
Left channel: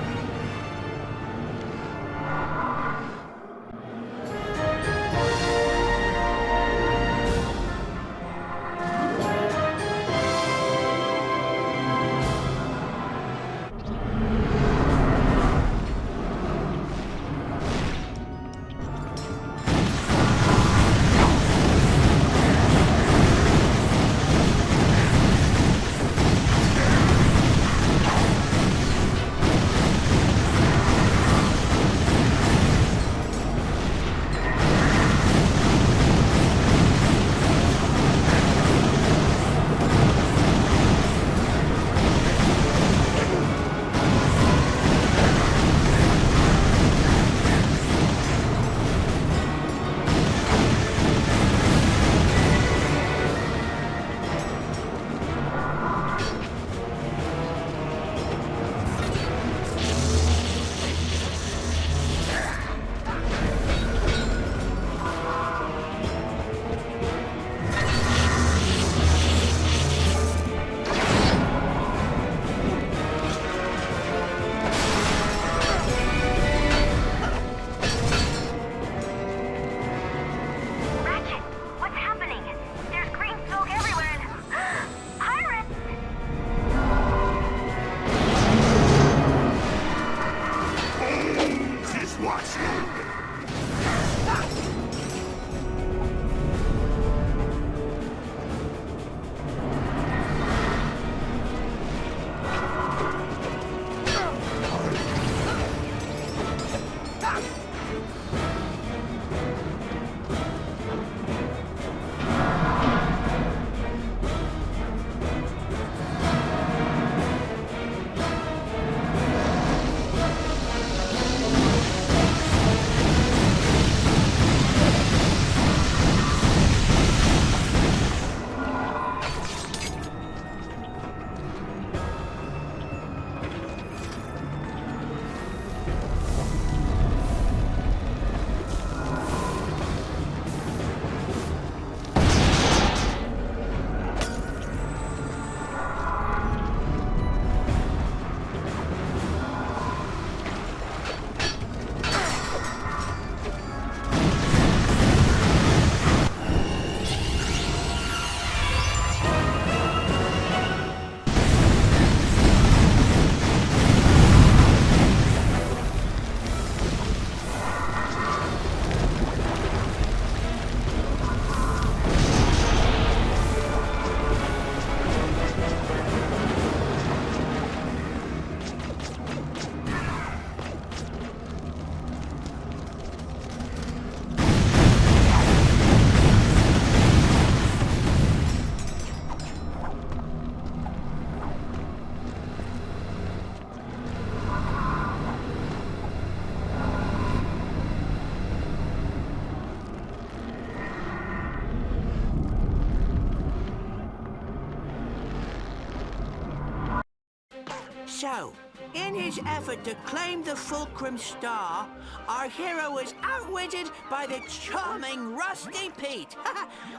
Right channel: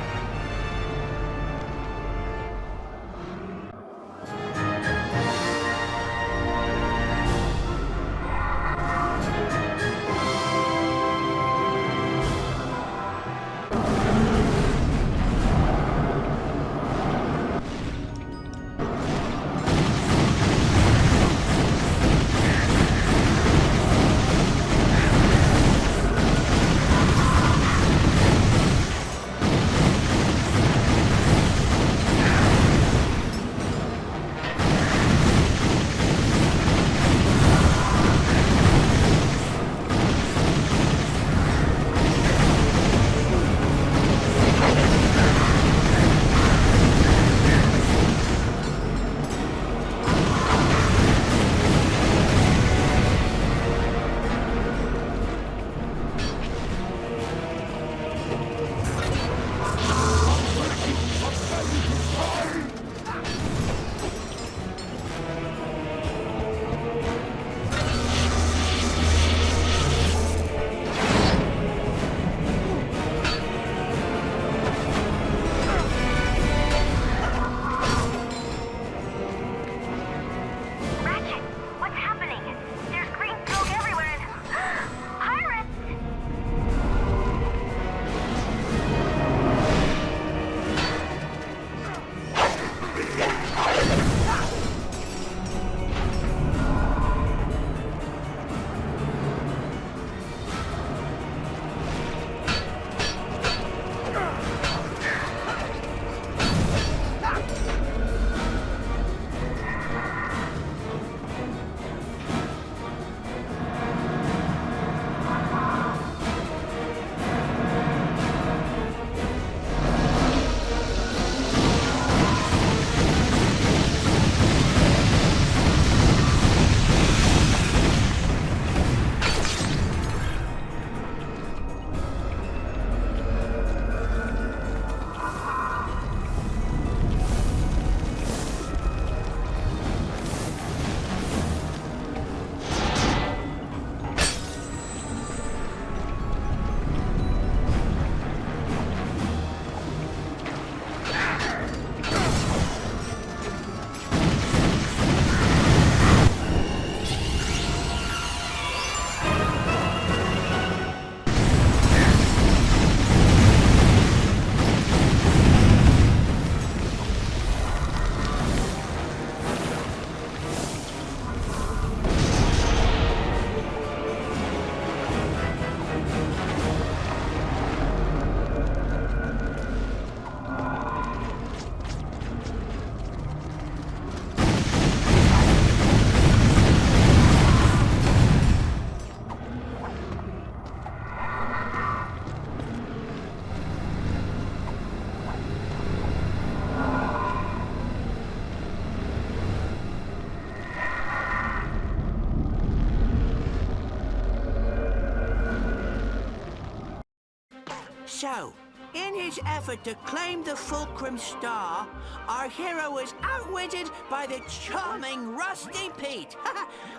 So, in his effort to claim the Fulcrum Star, our hero was outwitted by the charming Rusty Pete,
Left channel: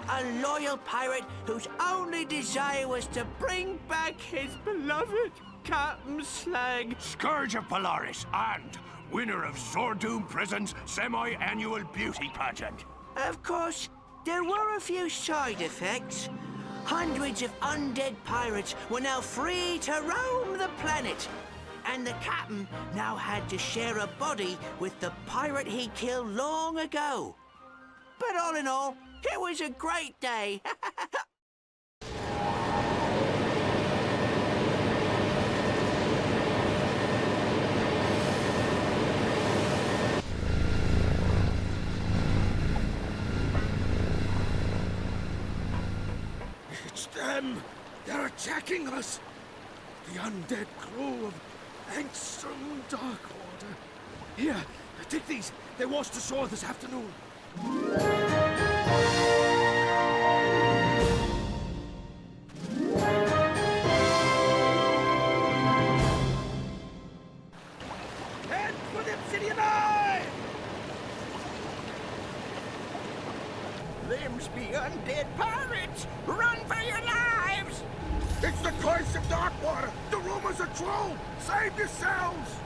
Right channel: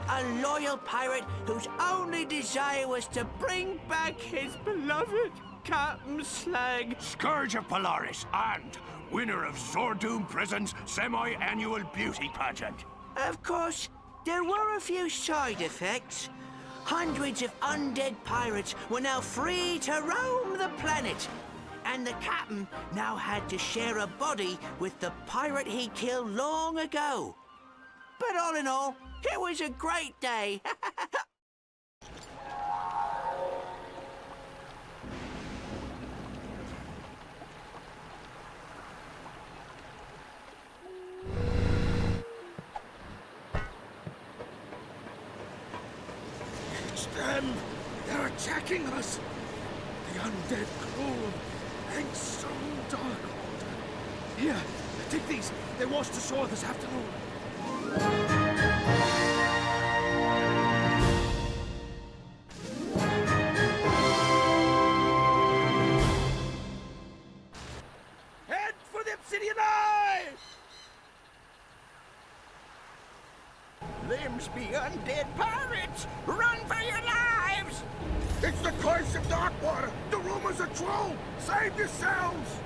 a loyal pirate whose only desire was to bring back his beloved Captain Slag. Scourge of Polaris and winner of Zordoom Prison's semi-annual beauty pageant. Of course, there were a few side effects. Hundreds of undead pirates were now free to roam the planet. And the captain now had to share a body with the pirate he killed long ago. But all in all, it was a great day. It's them! They're attacking us! The undead crew of Angstrom Darkwater. Here, take these. They washed ashore this afternoon. Head for the Obsidian Eye! Them's be undead pirates! Run for your lives! It's the curse of Darkwater! The rumors are true! Save yourselves!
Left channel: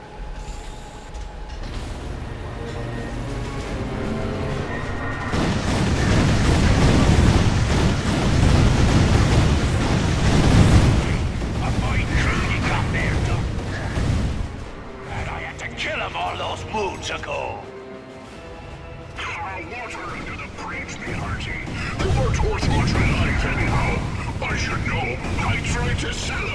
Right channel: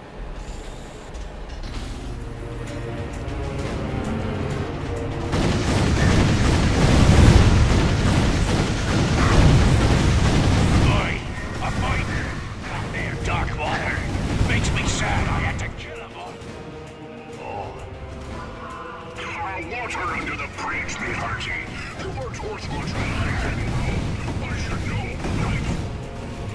A fine crew you got there, Darkwater. Makes me sad I had to kill them all those moons ago. Water under the bridge, me hearty. They weren't worth much alive anyhow. I should know. I tried to sell them.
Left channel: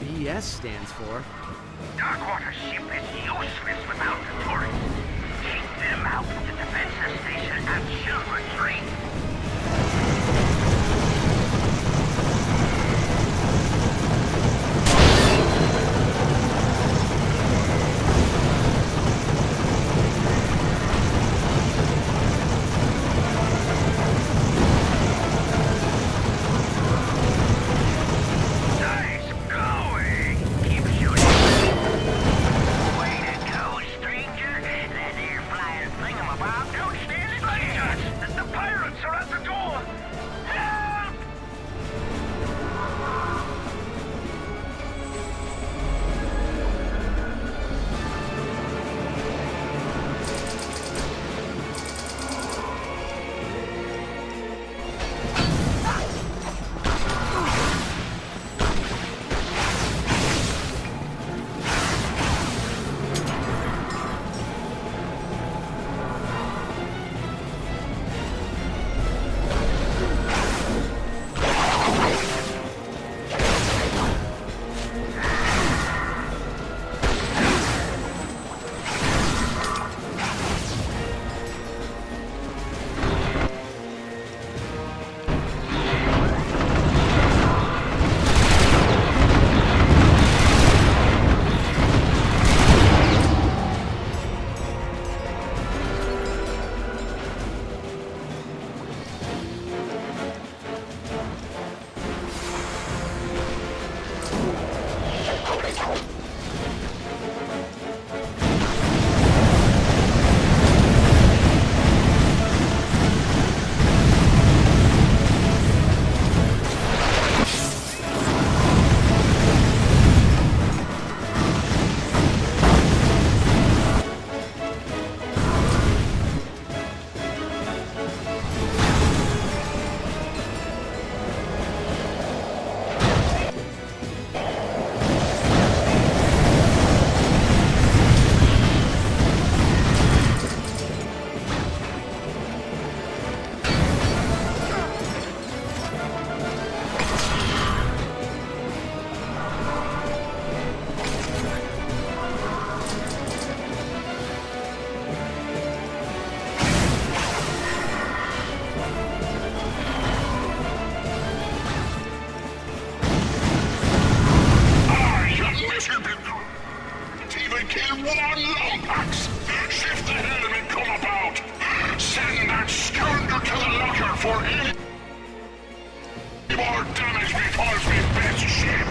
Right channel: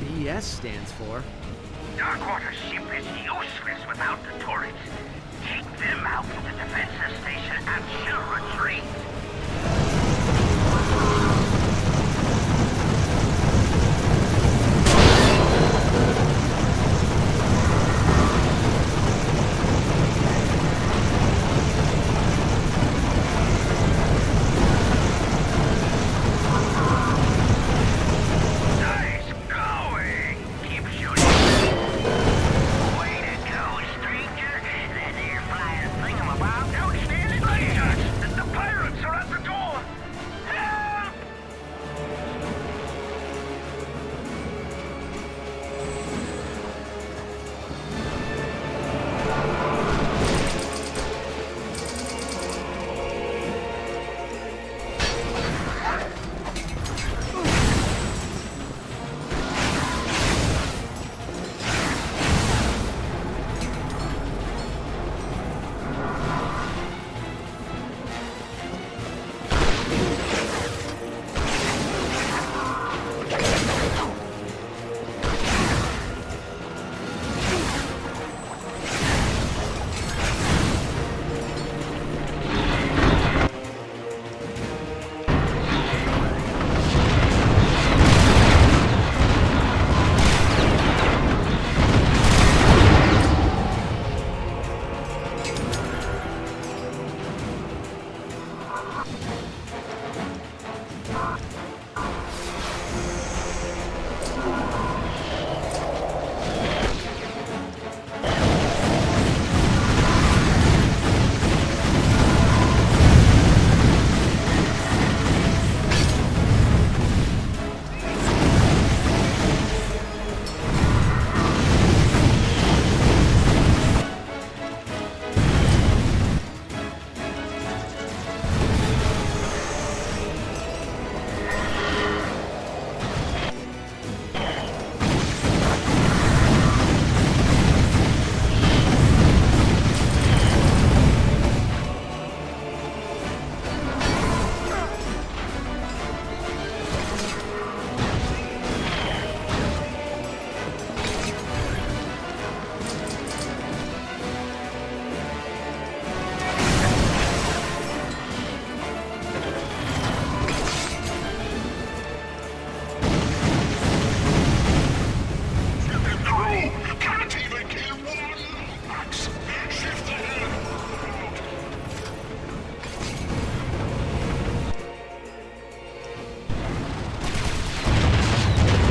BS stands for. Darkwater's ship is useless without the turrets. Take them out of the defensive station and she'll retreat. Axe, shift the helm and come about. Send that scoundrel to the locker for any more damage before we get to ship.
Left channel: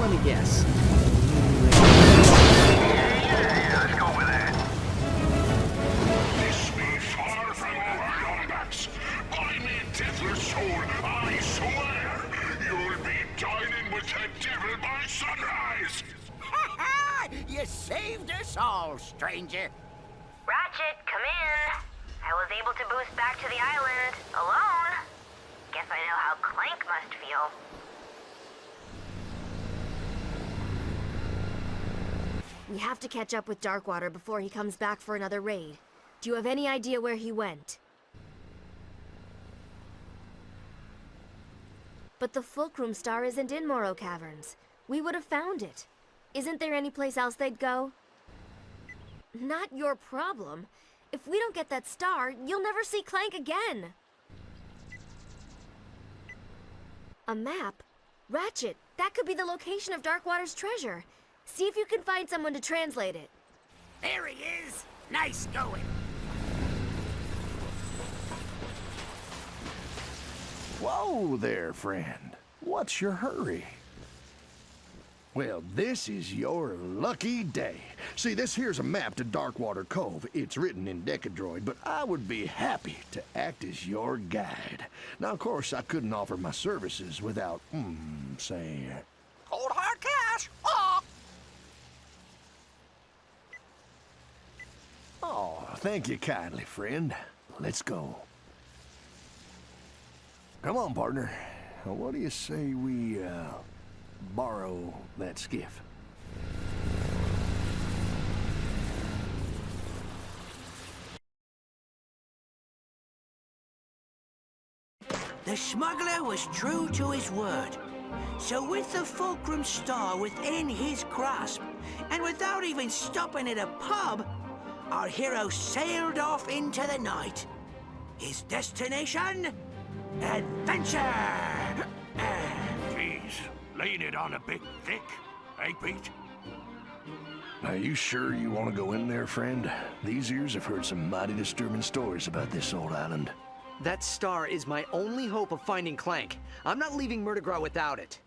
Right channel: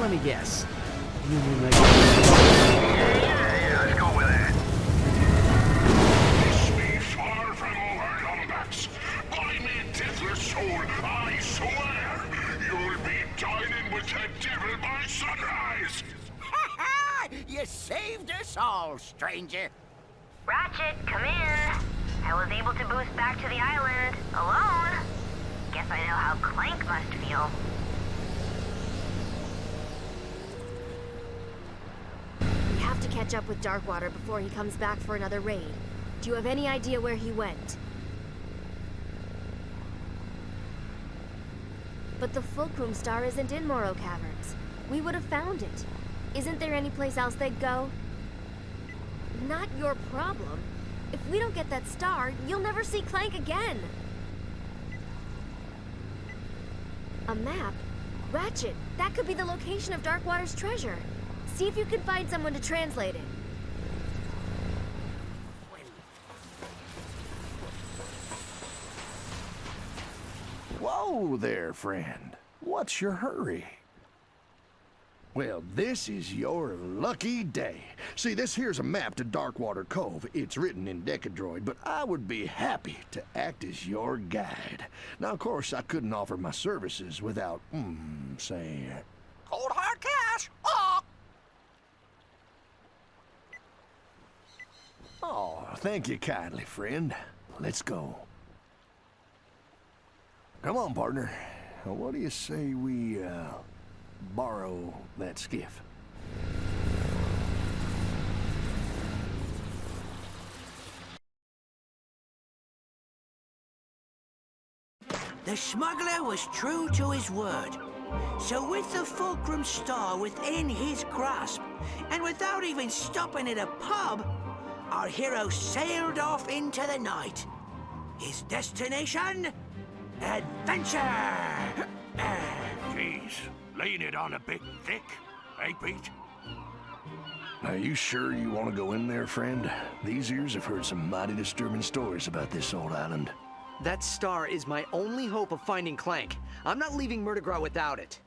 Let me guess. Let's go with that. This be far from over, Lombax. By me deathless soul, I swear, you'll be dining with the devil by sunrise. You saved us all, stranger. Ratchet, come in. I was able to boost back to the island alone. Guess I know how Clank must feel. We have to catch up with Darkwater before he comes back for another raid. Do you have any idea where he went? But the Fulcrum Star isn't in Morrow Caverns. We would have found it. Isn't there any place else they'd go? Not your problem. If we don't get that star, you'll never see Clank again. A map? Ratchet, that could be the location of Darkwater's treasure. See if you can find someone to translate it. There he is. Nice going. Whoa there, friend. What's your hurry? Well, this is your lucky day. See, this here's a map to Darkwater Cove. It's written in Decadroid, but I would be happy to act as your guide. Now, of course, I couldn't offer my services without, say... Cold hard cash. Oh! Oh, thank you kindly, friend. Let's go. Come on, partner. What do you say we, borrow that skiff? The smuggler was true to his word. So with the Fulcrum Star within his grasp, and without even stopping at a pub, our hero sailed off into the night. His destination? Adventure! Jeez, laying it on a bit thick, eh, Pete? Are you sure you want to go in there, friend? These ears have heard some mighty disturbing stories about this old island. That star is my only hope of finding Clank. I'm not leaving Murdergraw without it.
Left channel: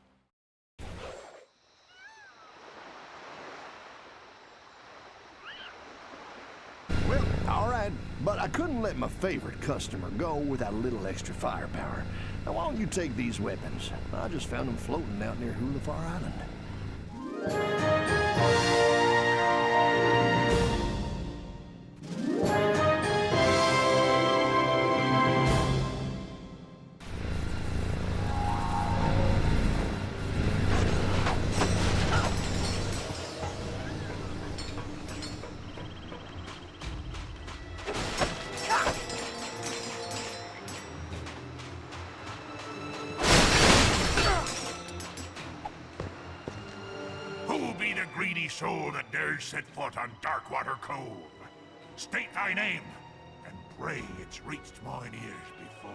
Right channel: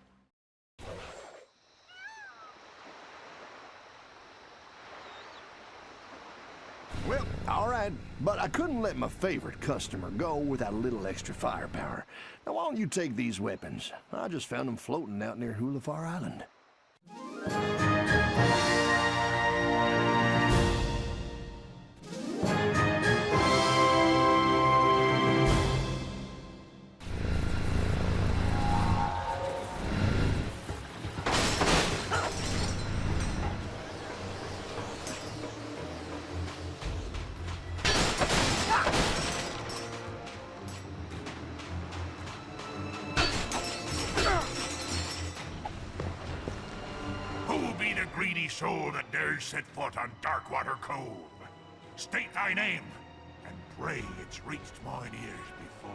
Well, all right, but I couldn't let my favorite customer go without a little extra firepower. Now, why don't you take these weapons? I just found them floating out near Hulafar Island. Who be the greedy soul that dares set foot on Darkwater Cove? State thy name, and pray it's reached mine ears before.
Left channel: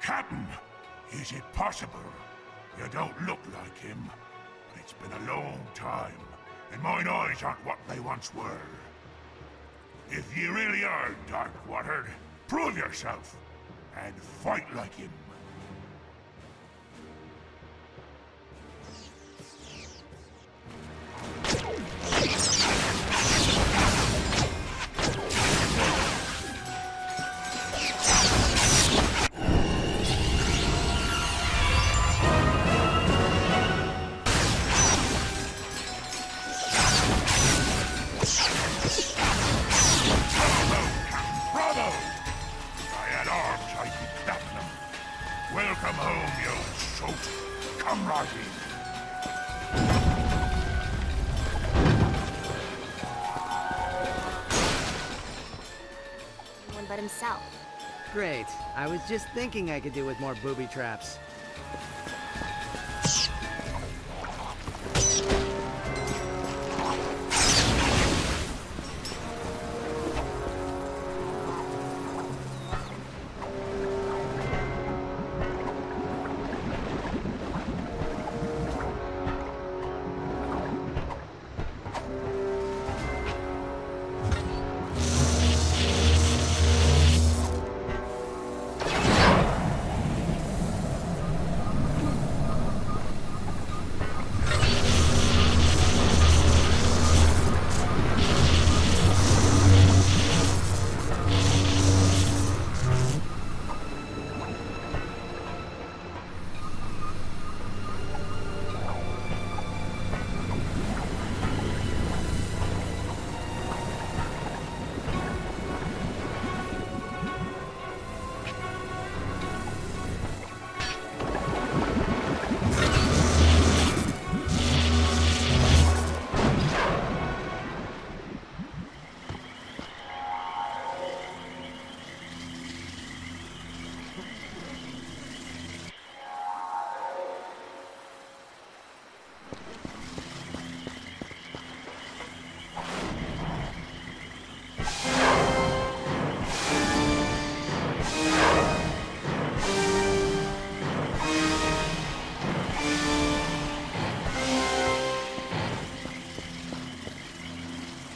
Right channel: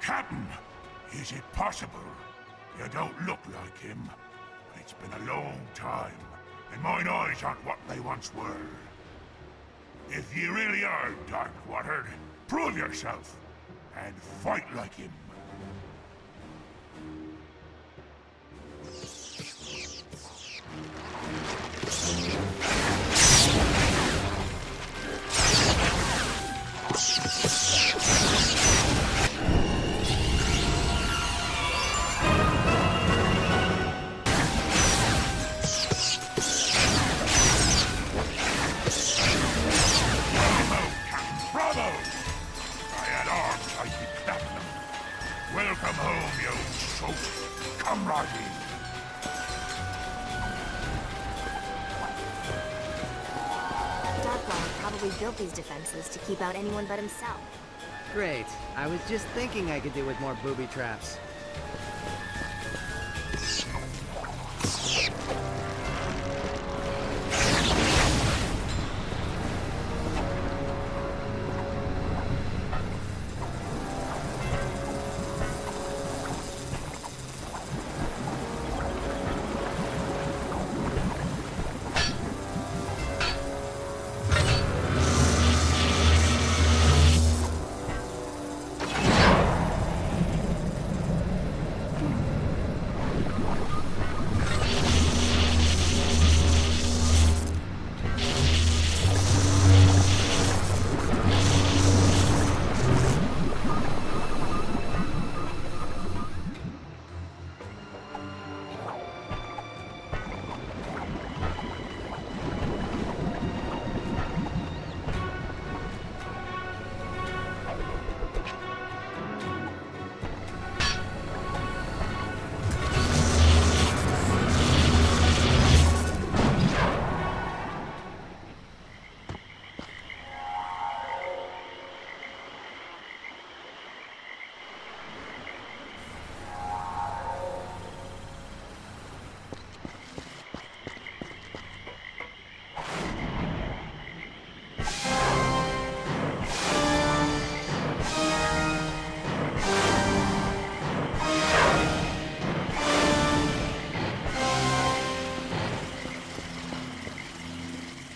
Captain, is it possible? You don't look like him. It's been a long time, and mine eyes aren't what they once were. If you really are Darkwater, prove yourself, and fight like him. Trouble! I had arms, I'd be clapping them. Welcome home, you old soot. Come right in. Darkwater probably built these defenses to keep out anyone but himself. Great. I was just thinking I could do with more booby traps.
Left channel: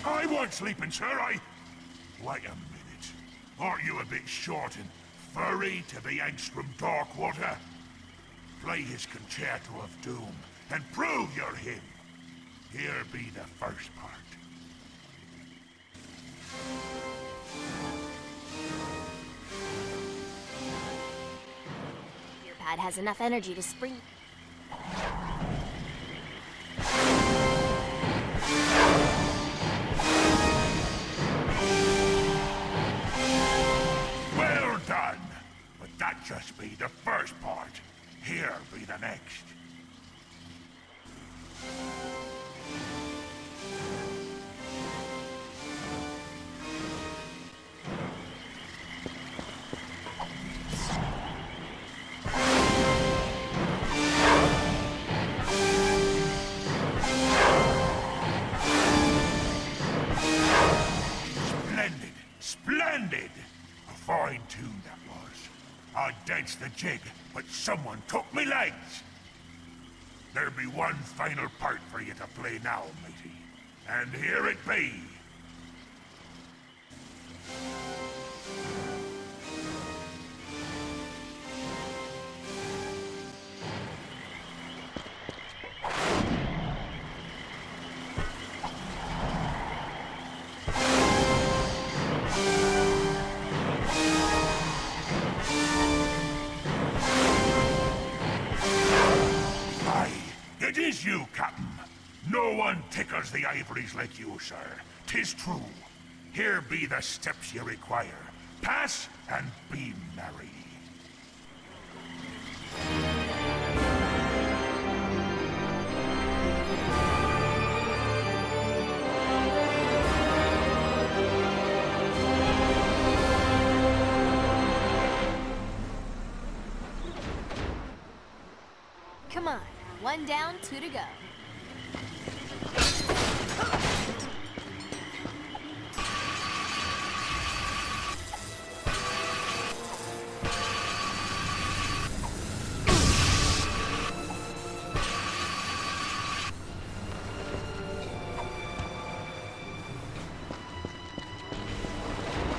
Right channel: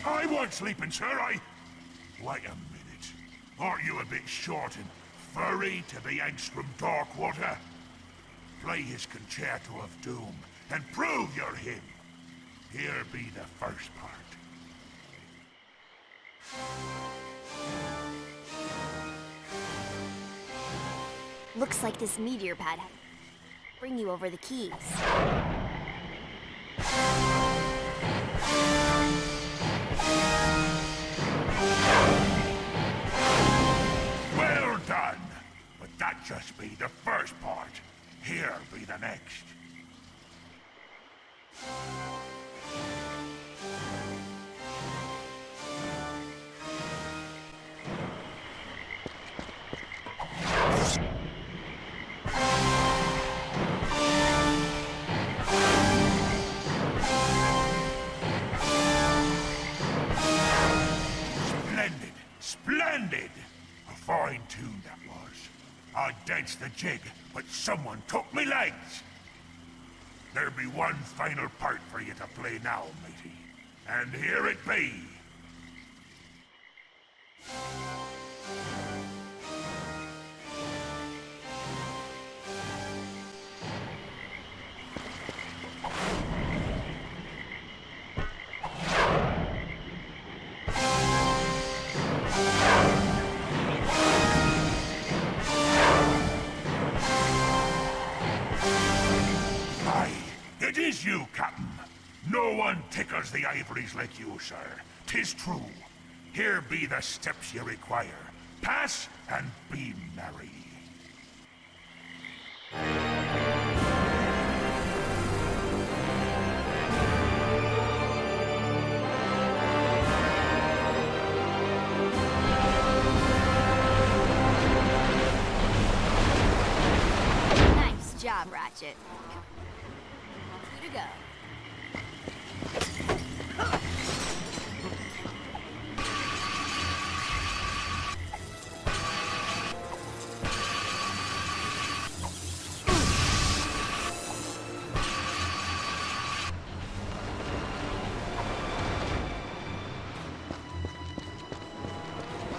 I weren't sleeping, sir. Wait a minute. Aren't you a bit short and furry to be Angstrom Darkwater? Play his Concerto of Doom and prove you're him. Here be the first part. Looks like this meteor pad has enough energy to spring you over the keys. Well done! But that just be the first part. Here be the next. Splendid! Splendid! A fine tune that was. I danced the jig, but someone took me legs! There be one final part for you to play now, matey. And here it be. Aye, it is you, Captain. No one tickles the ivories like you, sir. 'Tis true. Here be the steps you require. Pass and be merry. Nice job, Ratchet. Come on, one down, two to go.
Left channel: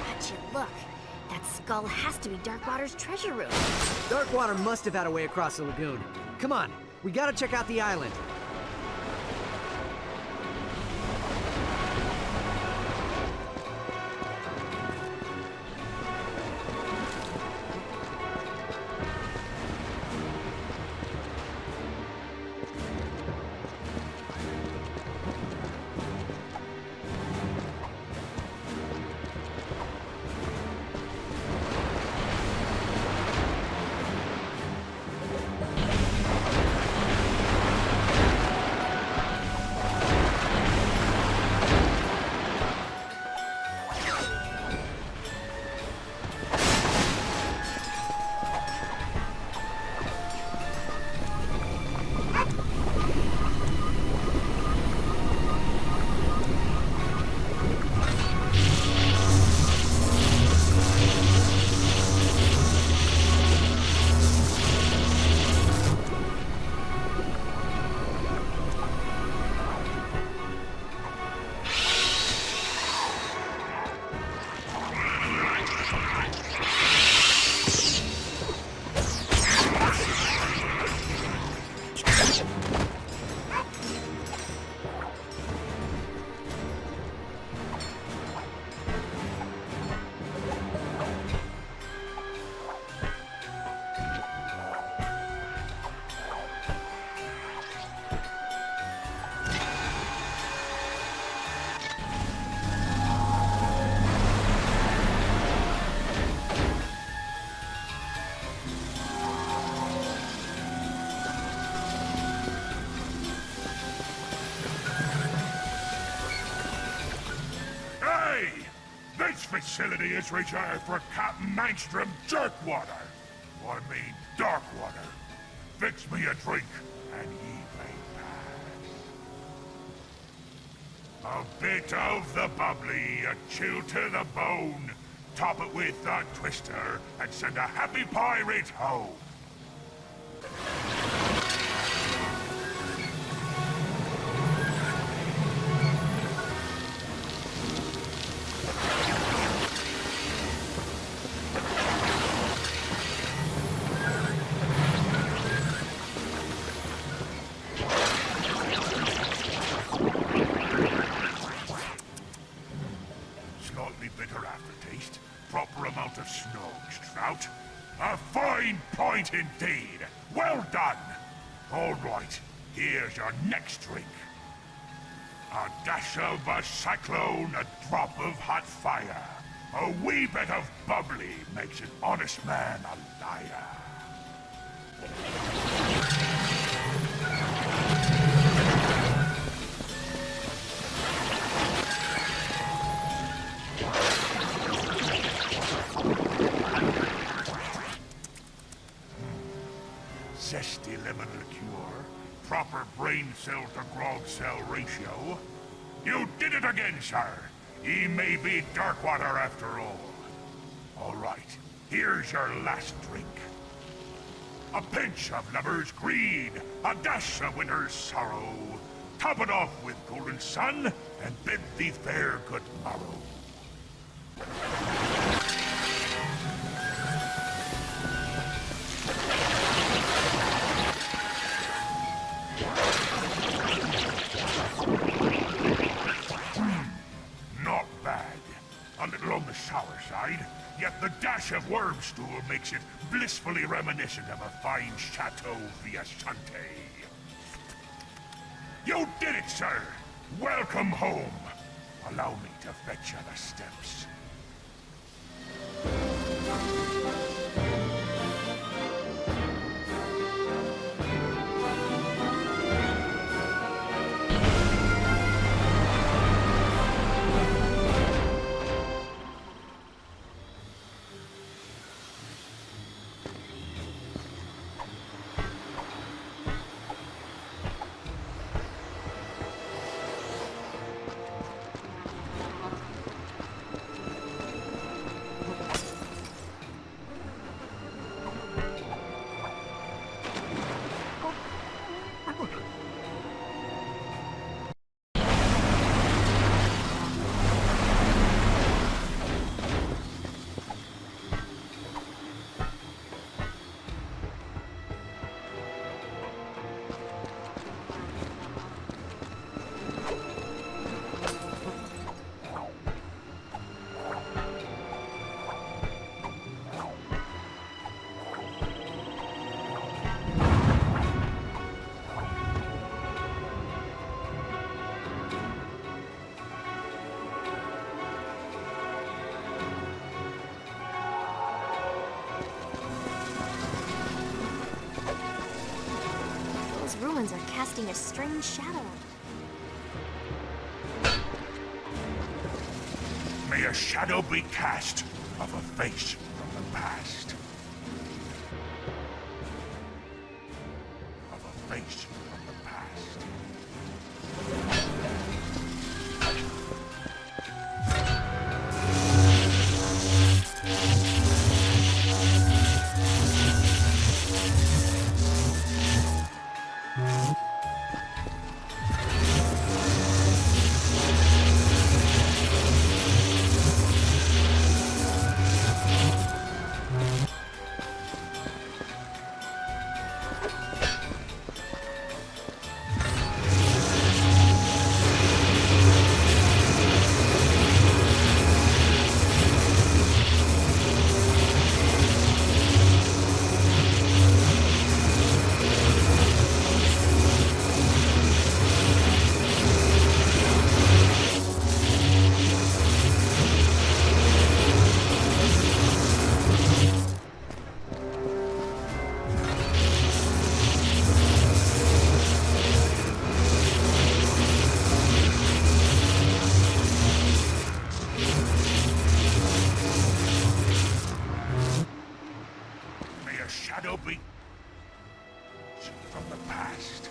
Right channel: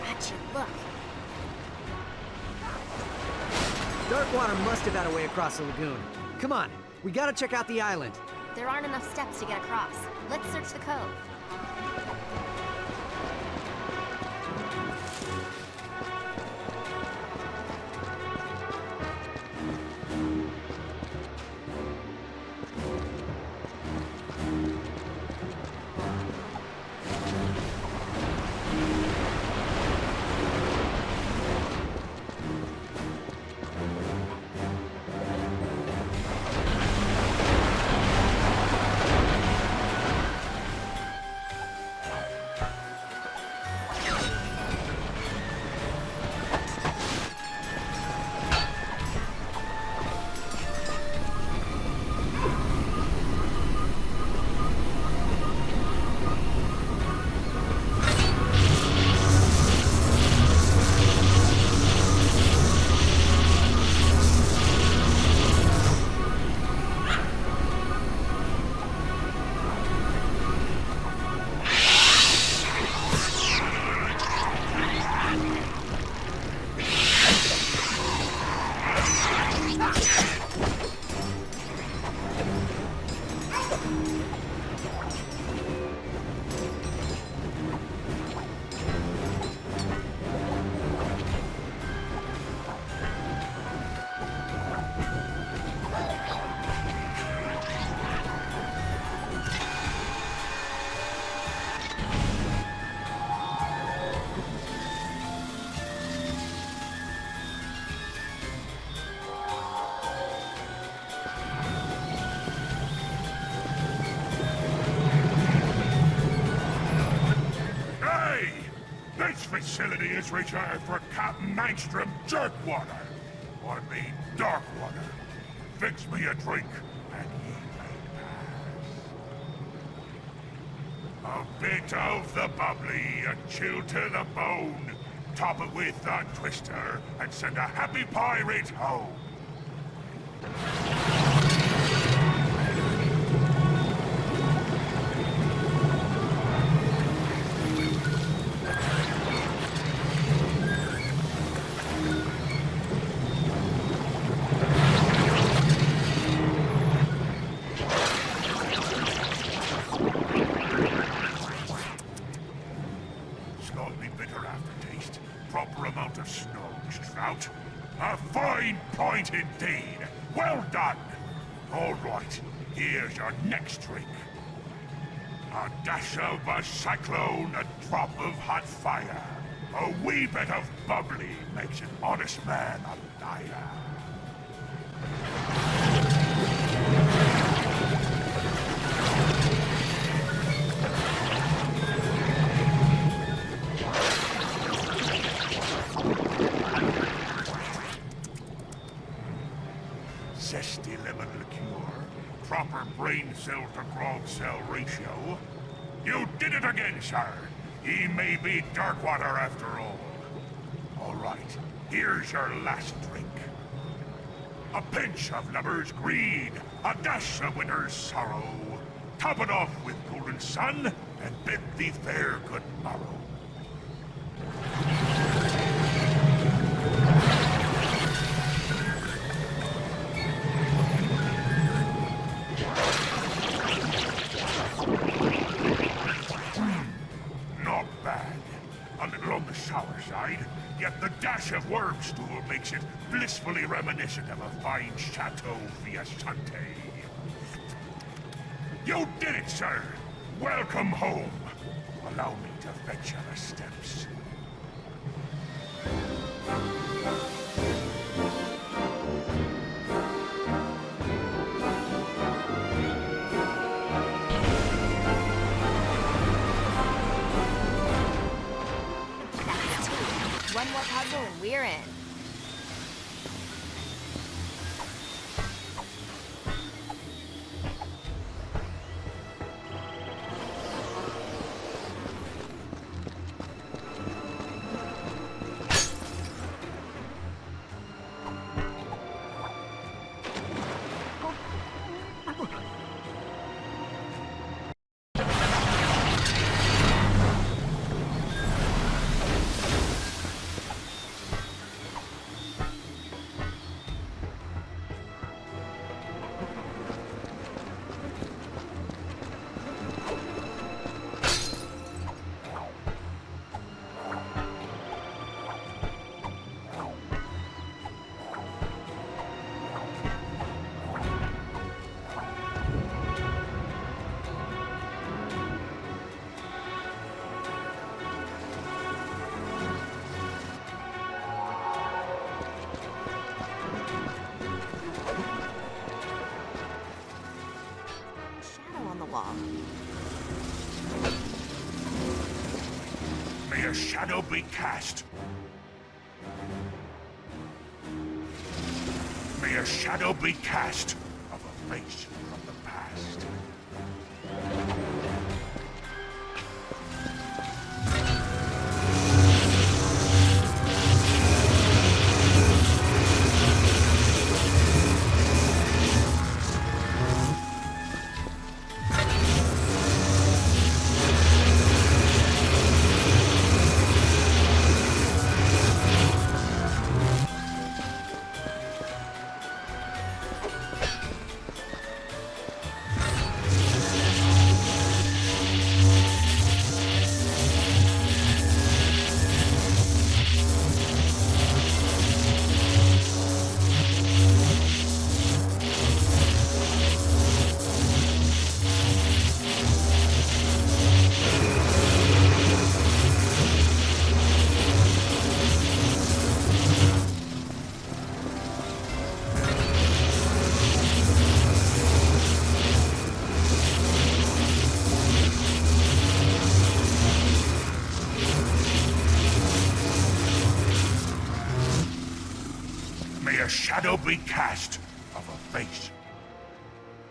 Ratchet, look. That skull has to be Darkwater's treasure room. Darkwater must have had a way across the lagoon. Come on, we gotta check out the island. There aren't enough steps to get across. Let's search the code. facility is reserved for Captain Angstrom Jerkwater. I mean Darkwater. Fix me a drink, and ye may pass. A bit of the bubbly, a chill to the bone. Top it with the twister, and send a happy pirate home. Slightly bitter aftertaste, proper amount of snogs, trout. A fine point indeed. Well done. All right, here's your next drink. A dash of a cyclone, a drop of hot fire. A wee bit of bubbly makes an honest man a liar. Zesty lemon liqueur, proper brain cell to grog cell ratio. You did it again, sir. He may be Darkwater after all. All right, here's your last drink. A pinch of lover's greed, a dash of winter's sorrow. Top it off with golden sun, and bid thee fair good morrow. Not bad. A little on the sour side, yet the dash of worm stool makes it blissfully reminiscent of a fine Chateau Viasante. You did it, sir! Welcome home! Allow me to fetch you the steps. One more puzzle and we're in. A strange shadow on the wall. May a shadow be cast of a face from the past. May a shadow be cast of a face from the past. shadow be cast of a face from the past.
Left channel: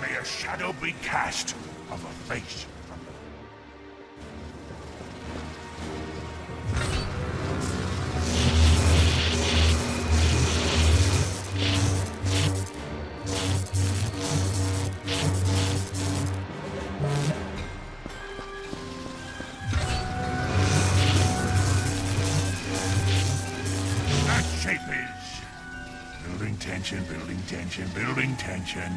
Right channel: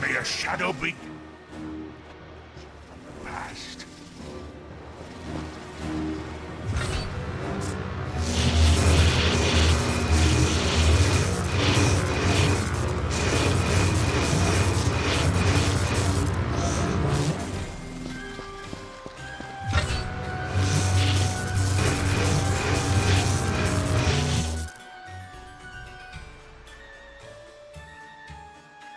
May a shadow be cast of a face from the past. That shape is building tension, building tension, building tension.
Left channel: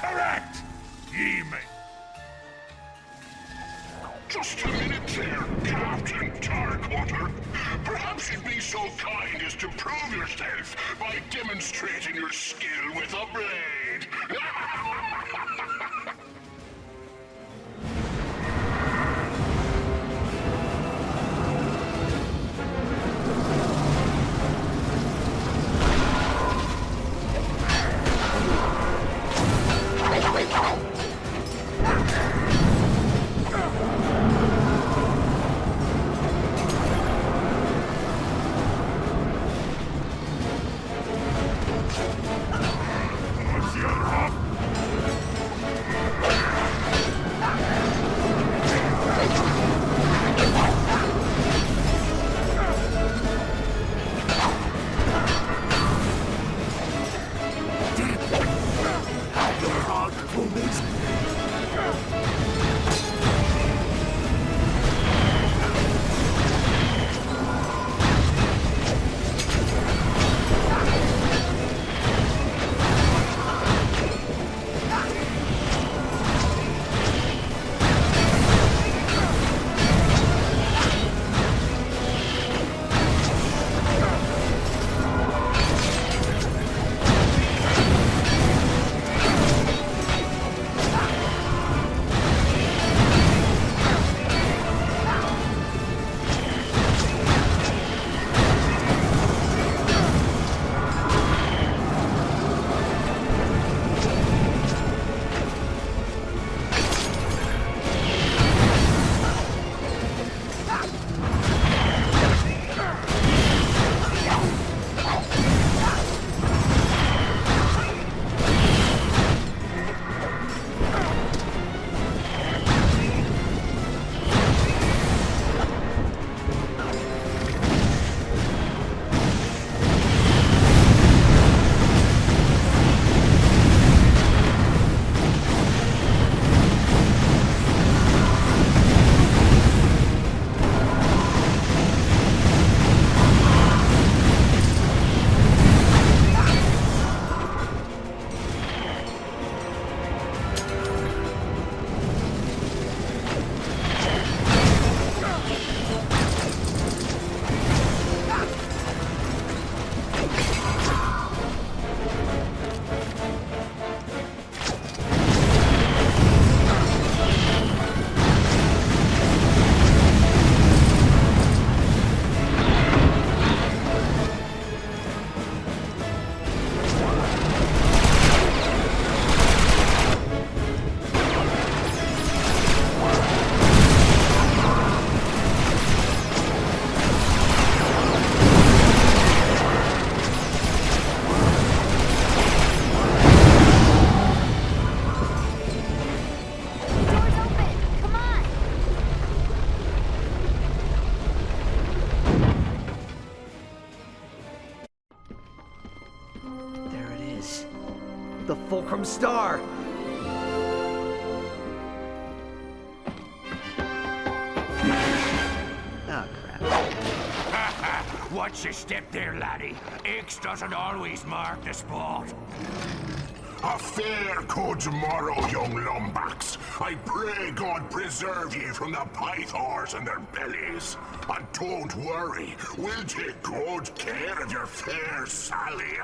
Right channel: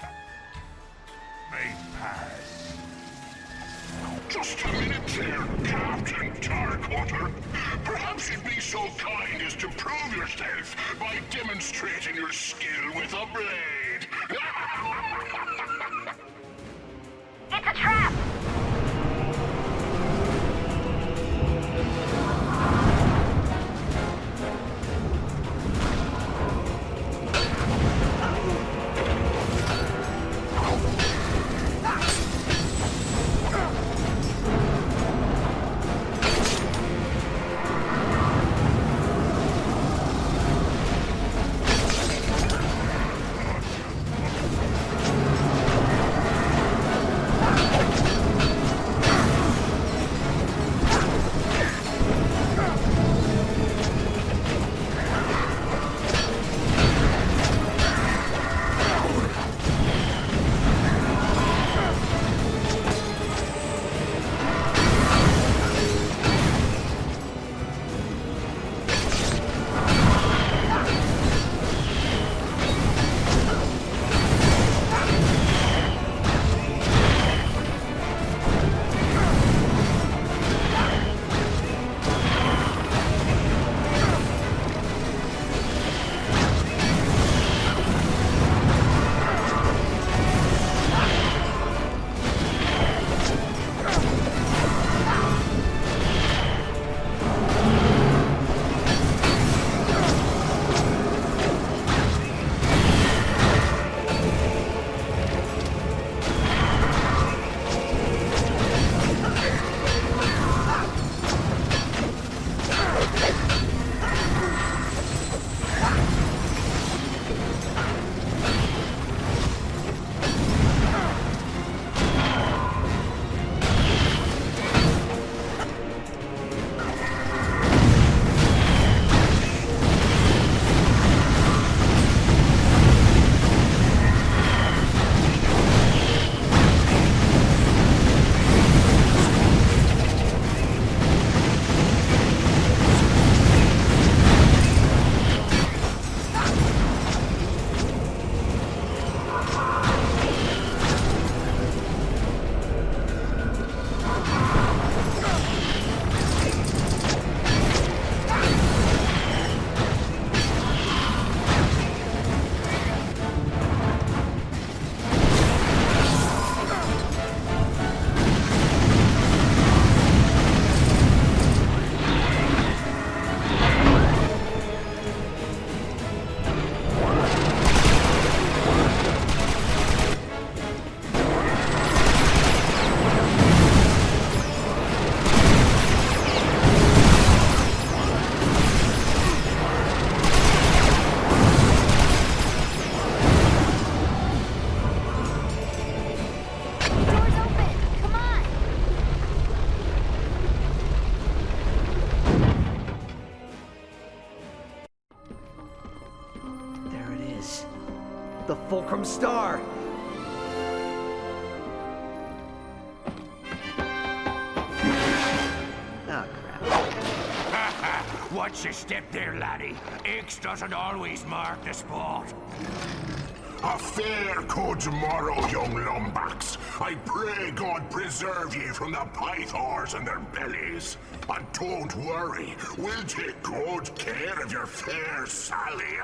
Correct! Ye may pass. Just a minute there, Captain Darkwater. Perhaps you'd be so kind as to prove yourself by demonstrating your skill with a blade. It's a trap! The Fulcrum Star! Oh, crap. Watch your step there, laddie. X doesn't always mark the spot. A fair good tomorrow, young lumbacks. I pray God preserve ye from the pythors and their bellies. And don't worry, we'll take good care of your fair Sally.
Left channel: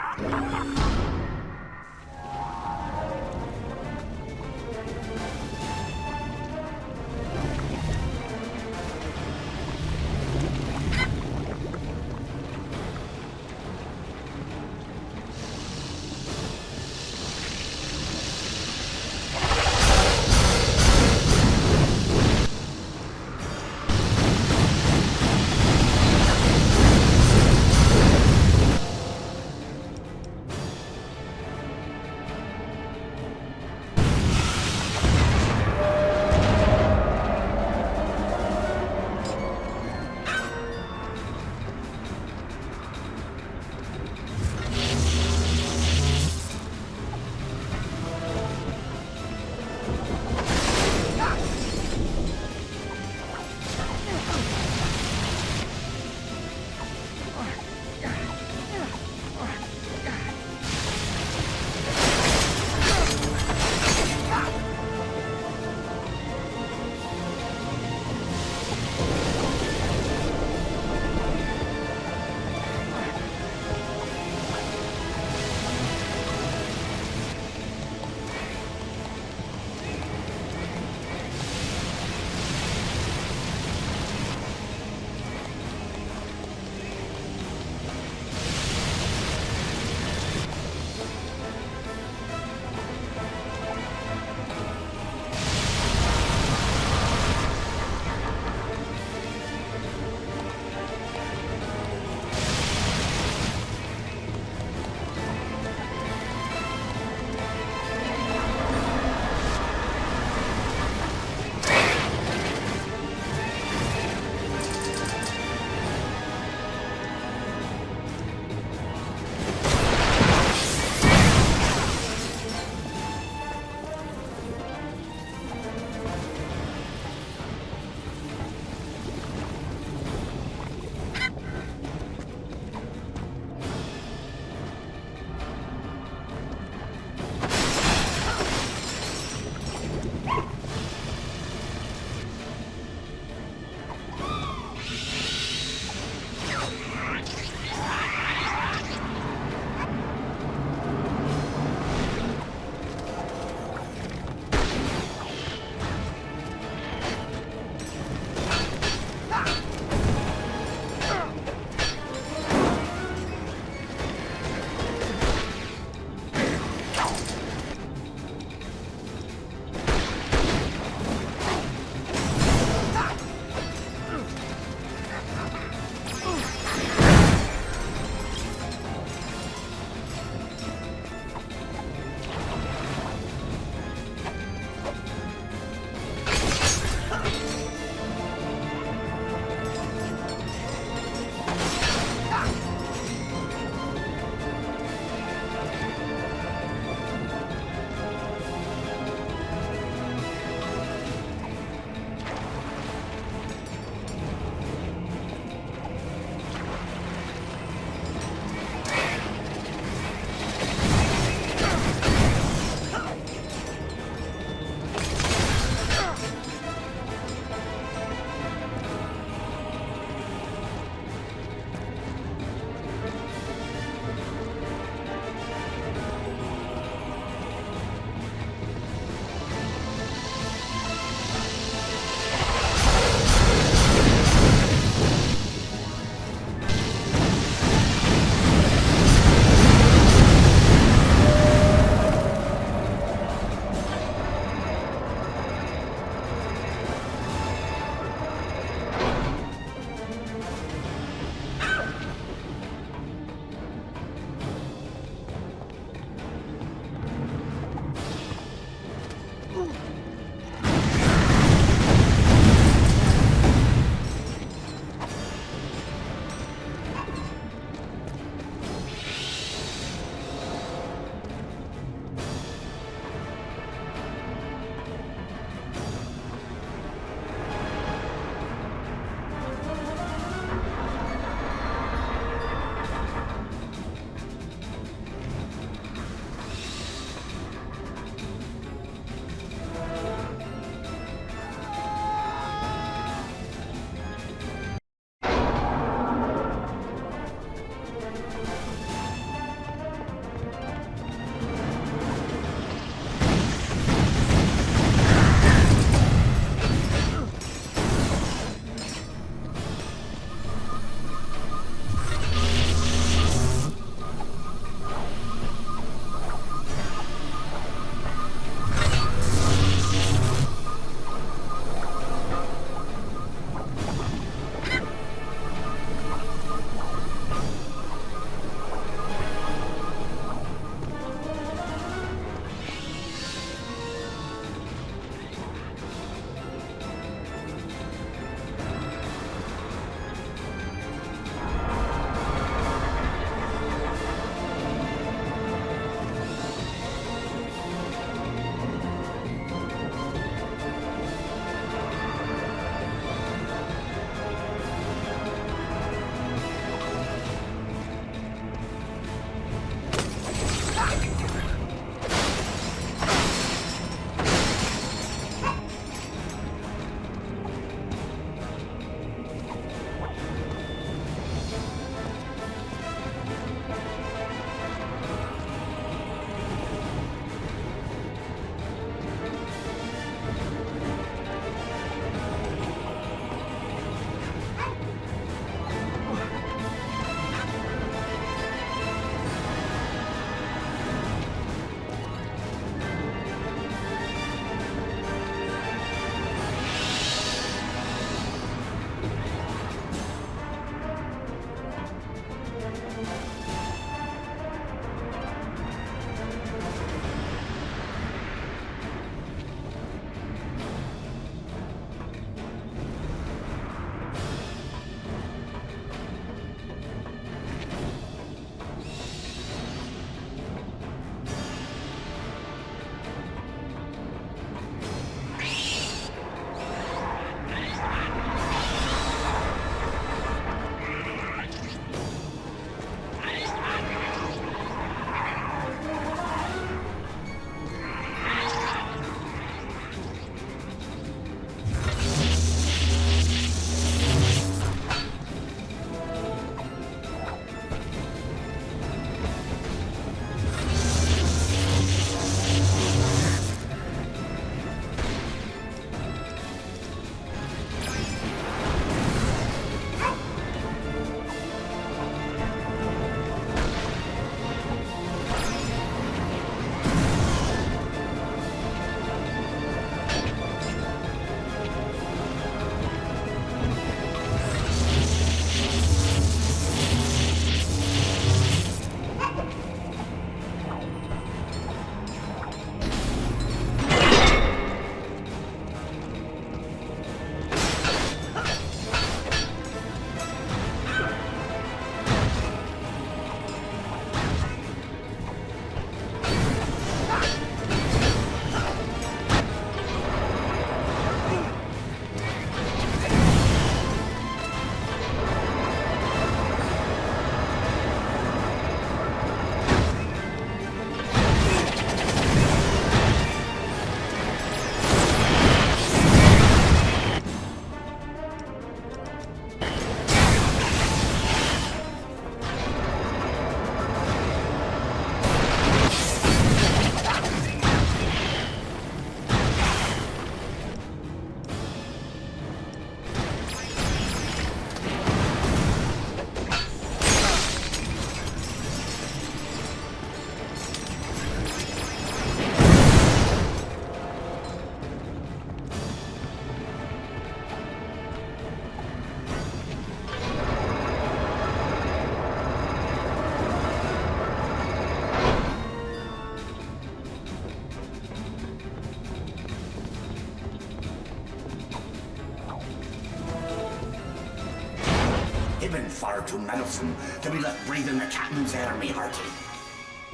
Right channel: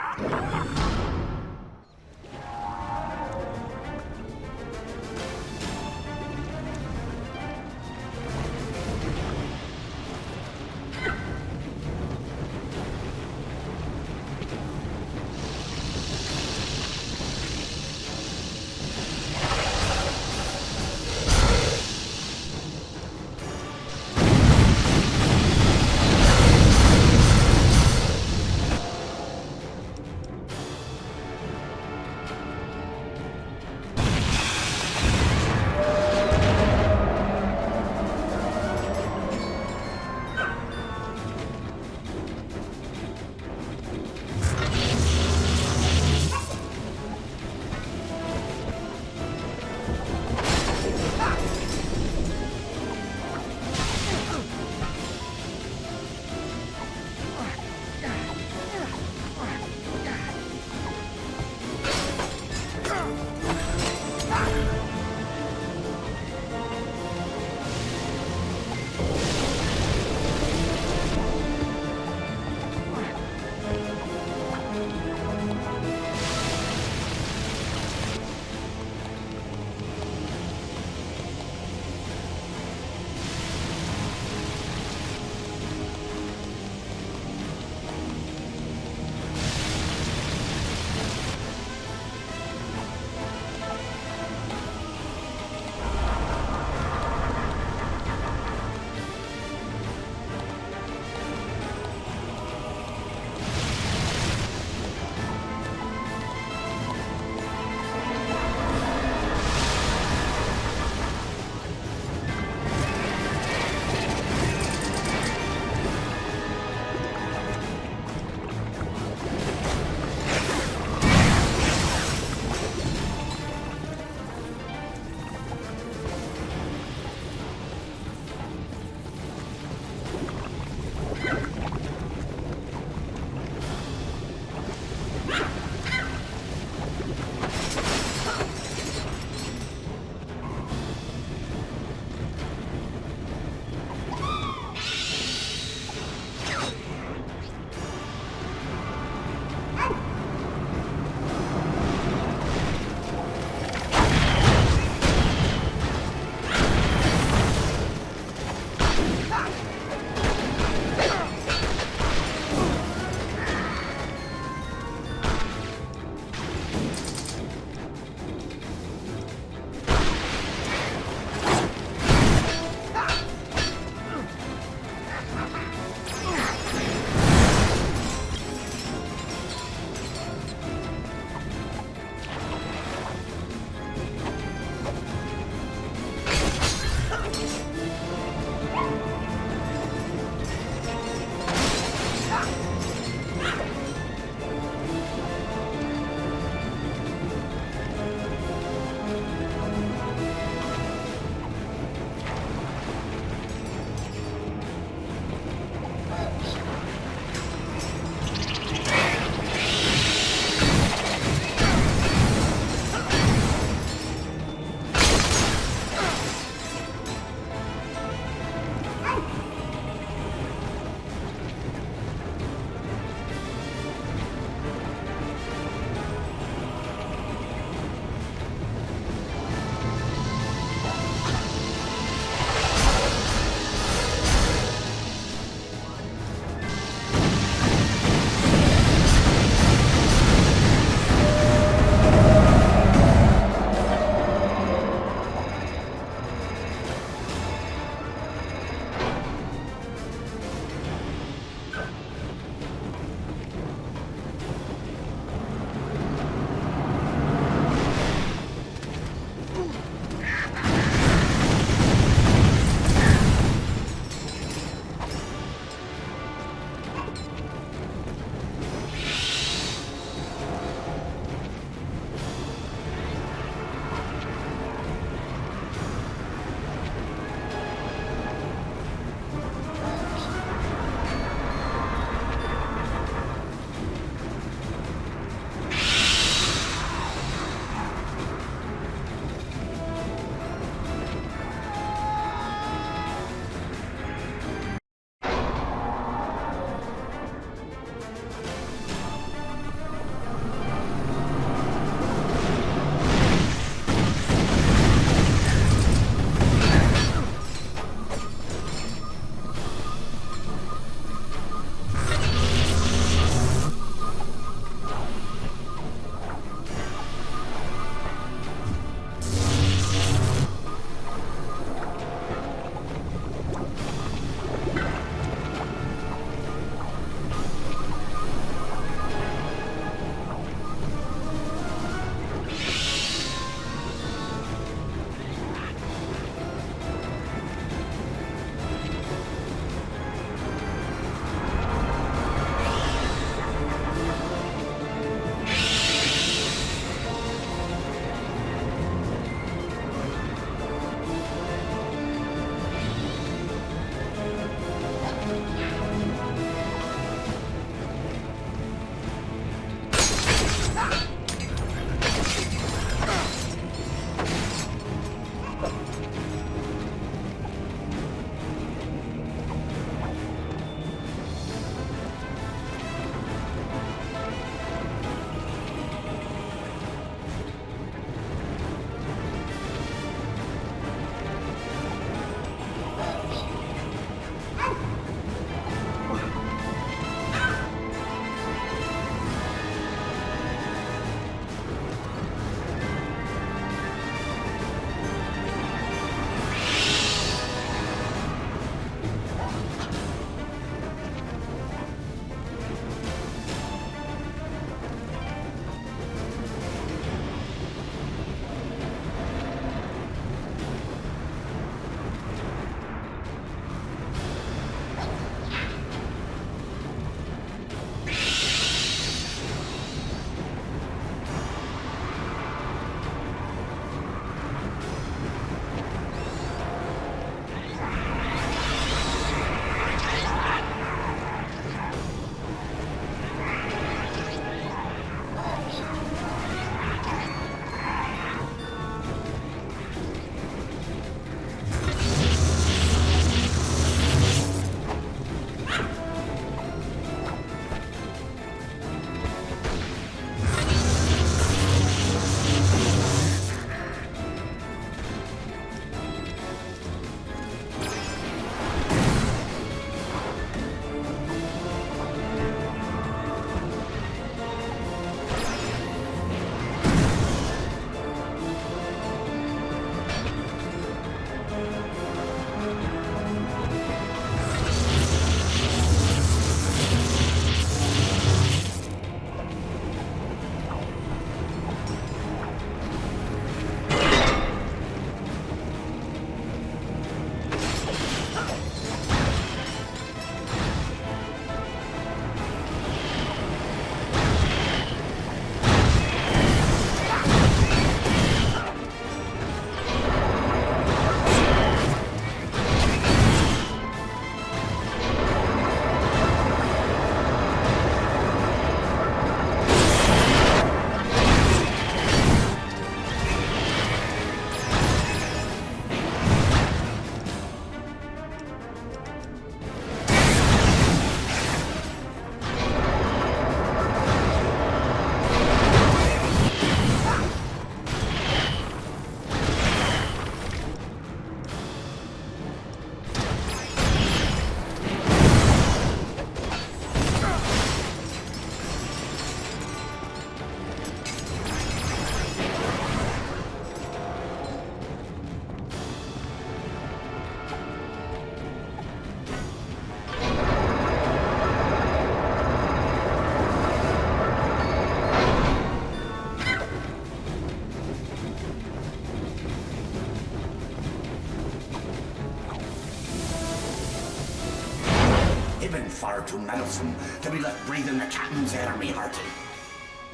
You've been far too meddlesome to be left breathing the captain's air, me hearty.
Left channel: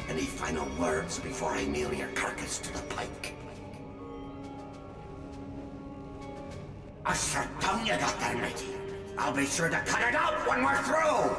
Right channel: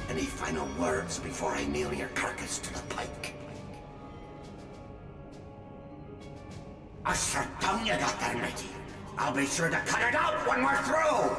Any final words before I nail your carcass to the pike? A sure tongue you got there, matey. I'll be sure to cut it out when we're through!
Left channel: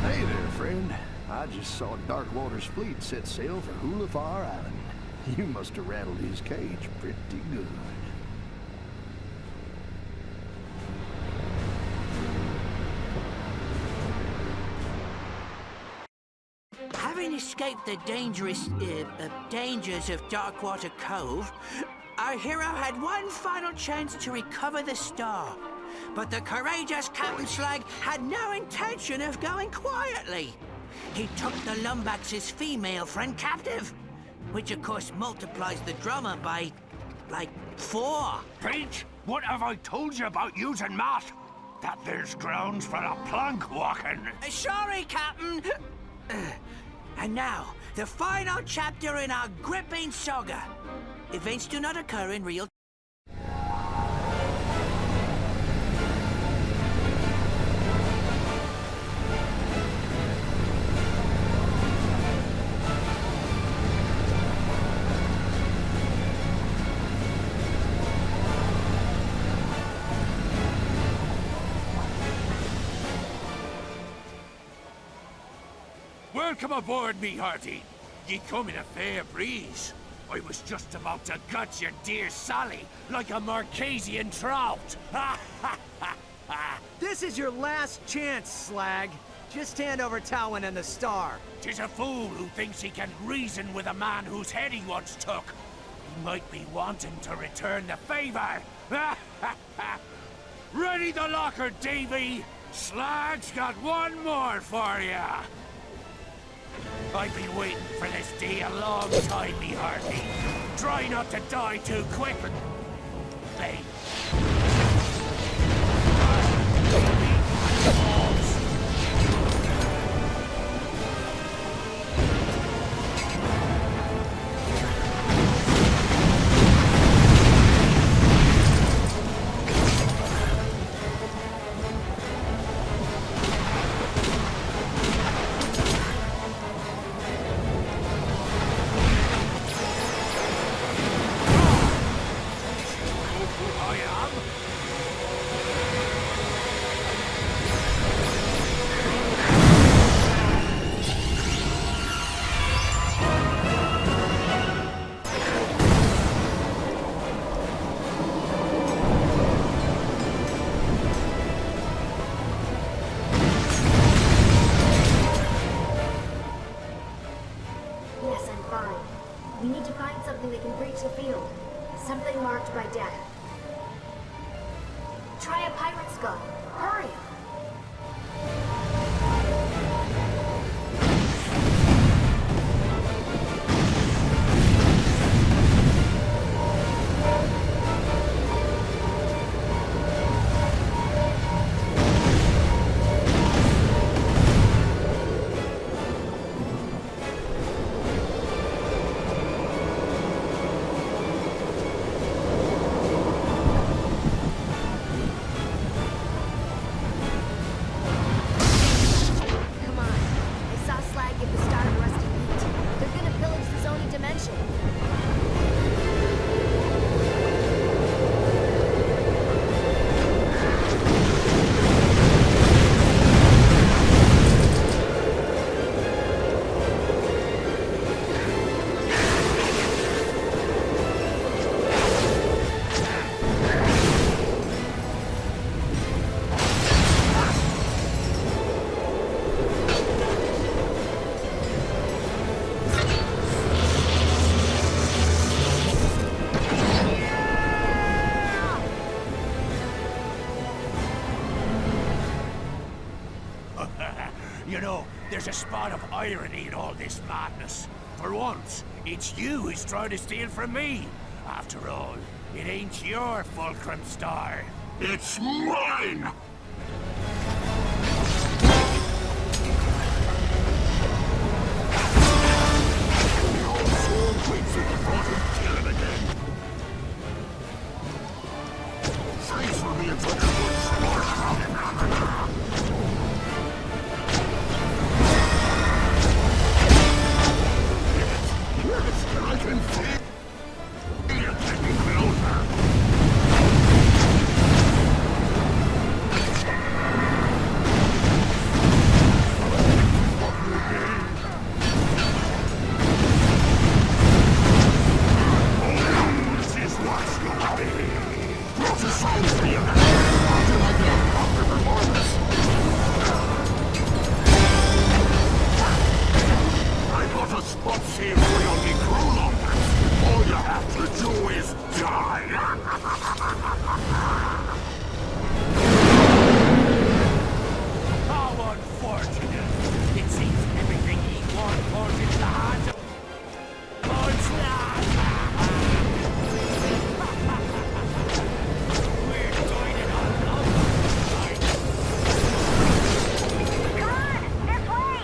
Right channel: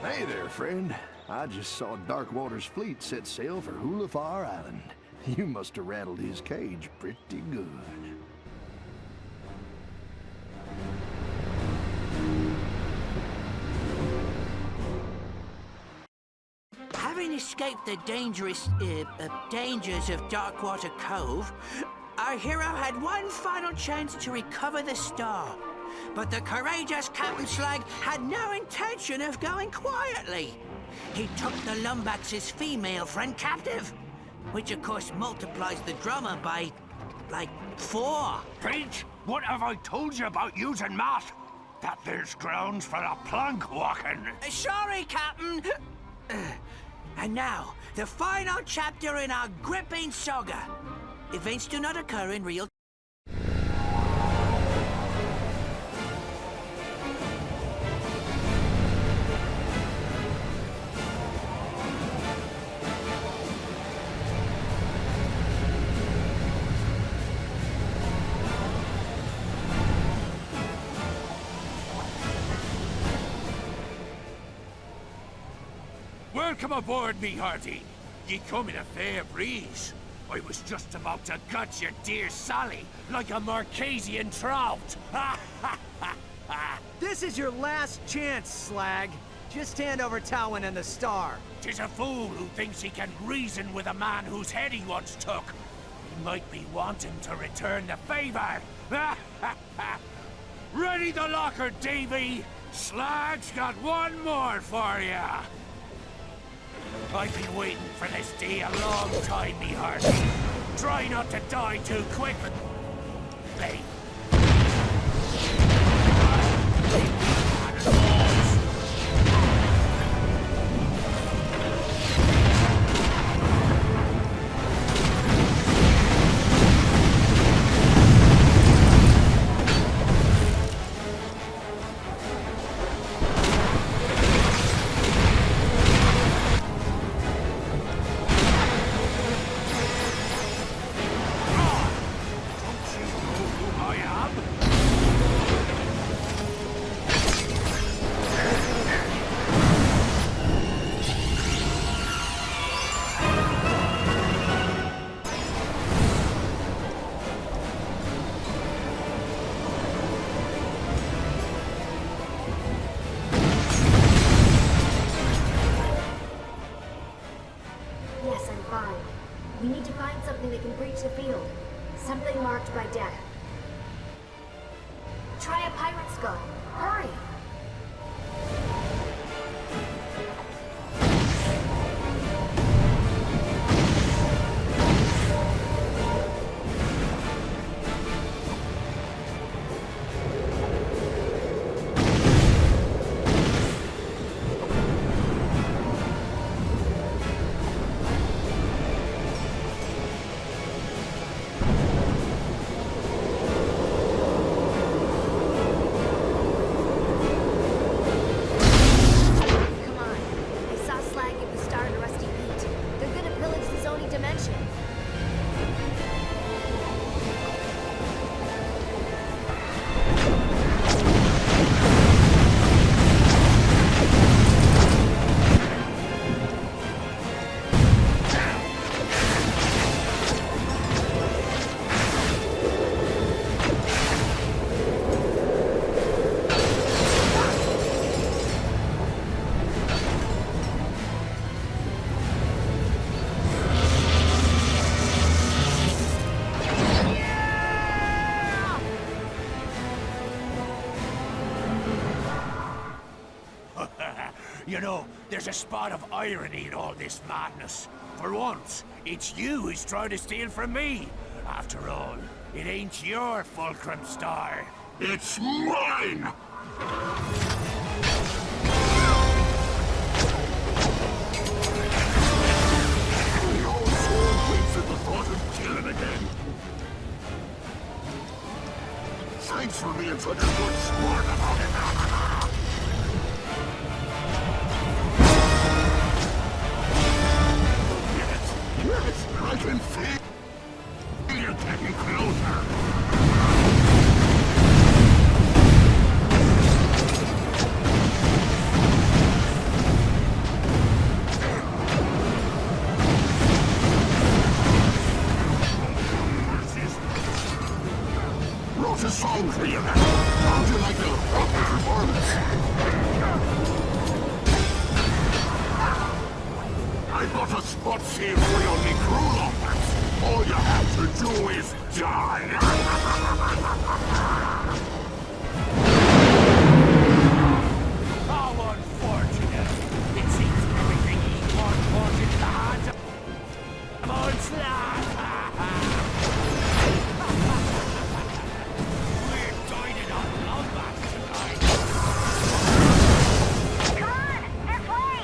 Hey there, friend. I just saw Darkwater's fleet set sail for Hulafar Island. You must have rattled his cage pretty good. Having escaped the dangers of Darkwater Cove, our hero had one final chance to recover the star. But the courageous Captain Slag had no intention of going quietly. He took the Lumbax's female friend captive, which of course multiplies the drummer by, like, 4. Pete, what have I told you about using math? That there's grounds for a plank walking. Sorry, Captain. And now, the final chapter in our gripping saga. Events do not occur in real. Welcome aboard, me hearty. Ye come in a fair breeze. I was just about to gut your dear Sally like a Marquesian trout. This is your last chance, Slag. Just hand over Towin and the star. 'Tis a fool who thinks he can reason with a man whose head he once took. He might be wanting to return the favor. Ready the locker, Davy. Slag's got one more for ya. I've been waiting for this day a long time, me hearty. Try not to die too quick. Hey. Yes, I'm fine. We need to find something that can breach the field. Something marked by death. Try a pirate skull. Hurry! You know, there's a spot of irony in all this madness. For once, it's you who's trying to steal from me. After all, it ain't your fulcrum star. It's mine! Your soul waits at the thought of killing again. Thanks for being such a good sport. Yes, I can feel you getting closer. Wrote a song for you. How'd you like a proper performance? I got a spot saved for your new crew, Longplay. All you have to do is die. How unfortunate. It seems everything he wants falls into the hands of Onslaught. We're joining on Longplay tonight. Come on, this way!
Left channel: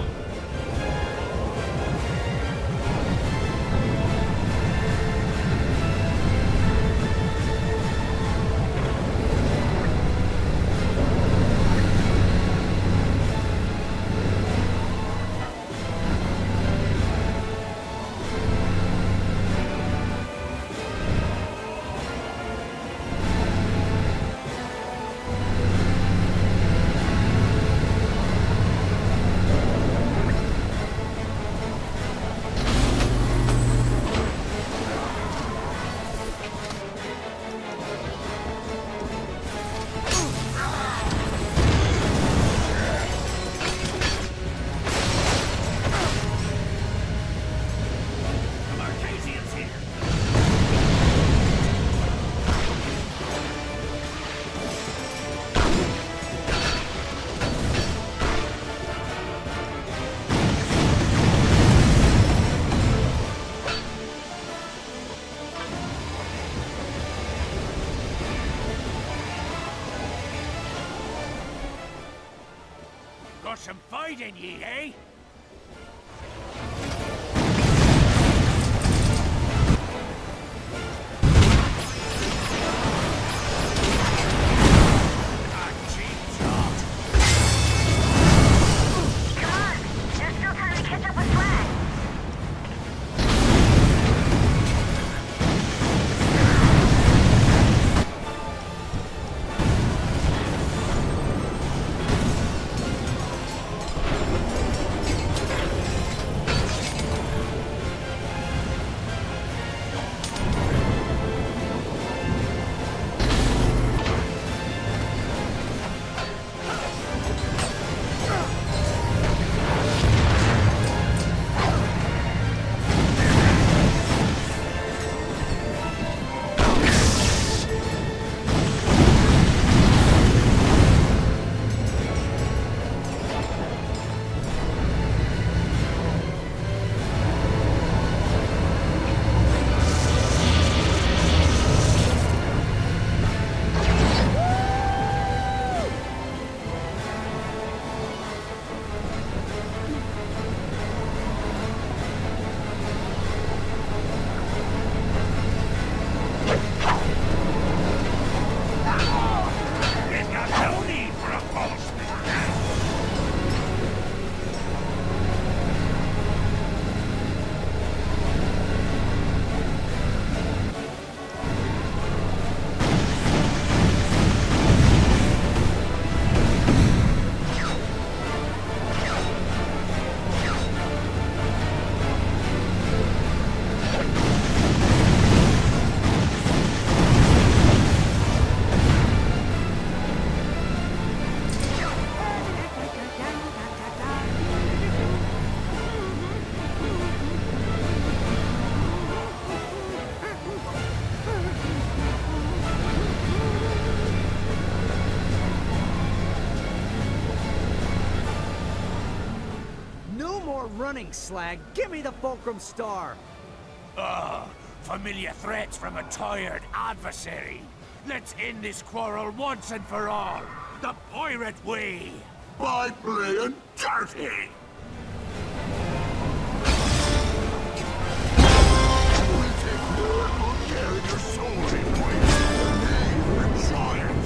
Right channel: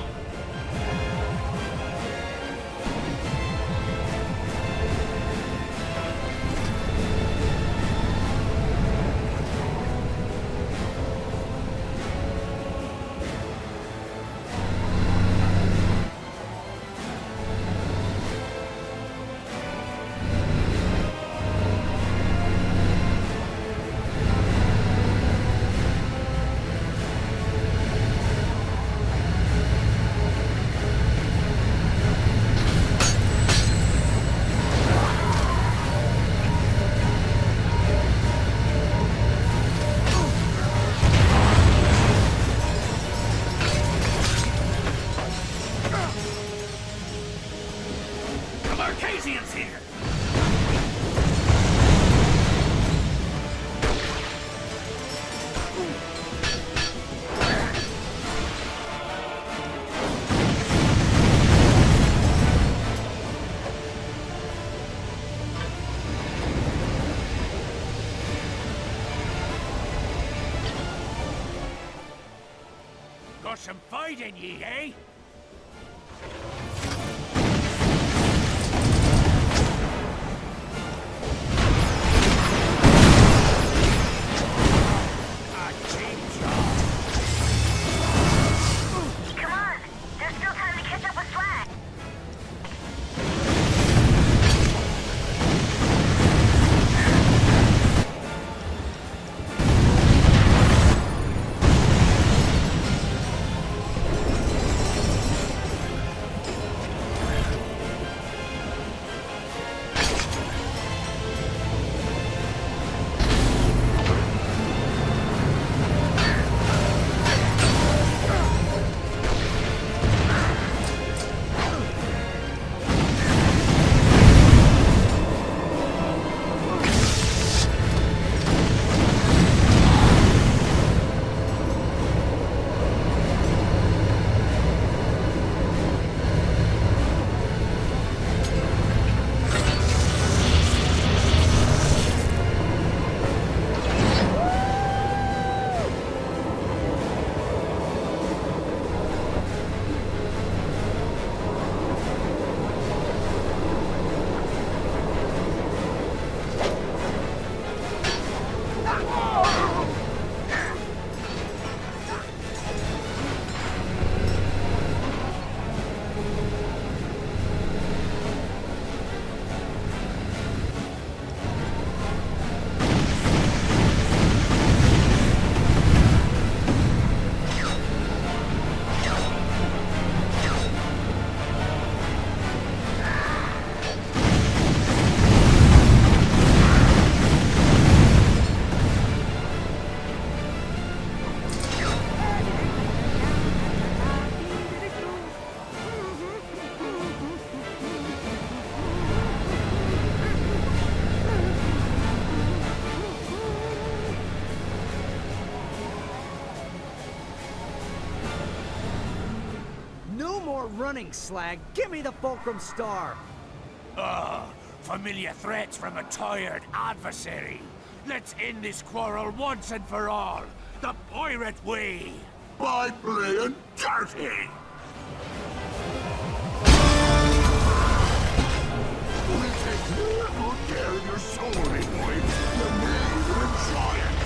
The Marquesian's here. Got some fight in ye, eh? A cheap job. Come on, there's still time to catch up with Slag. more running, Slag. Give me the Fulcrum Star. Familiar threats from a tired adversary. Let's end this quarrel once and for all. The pirate way. By playing dirty! We'll take real good care of your soul, boy. The knave will enjoy it.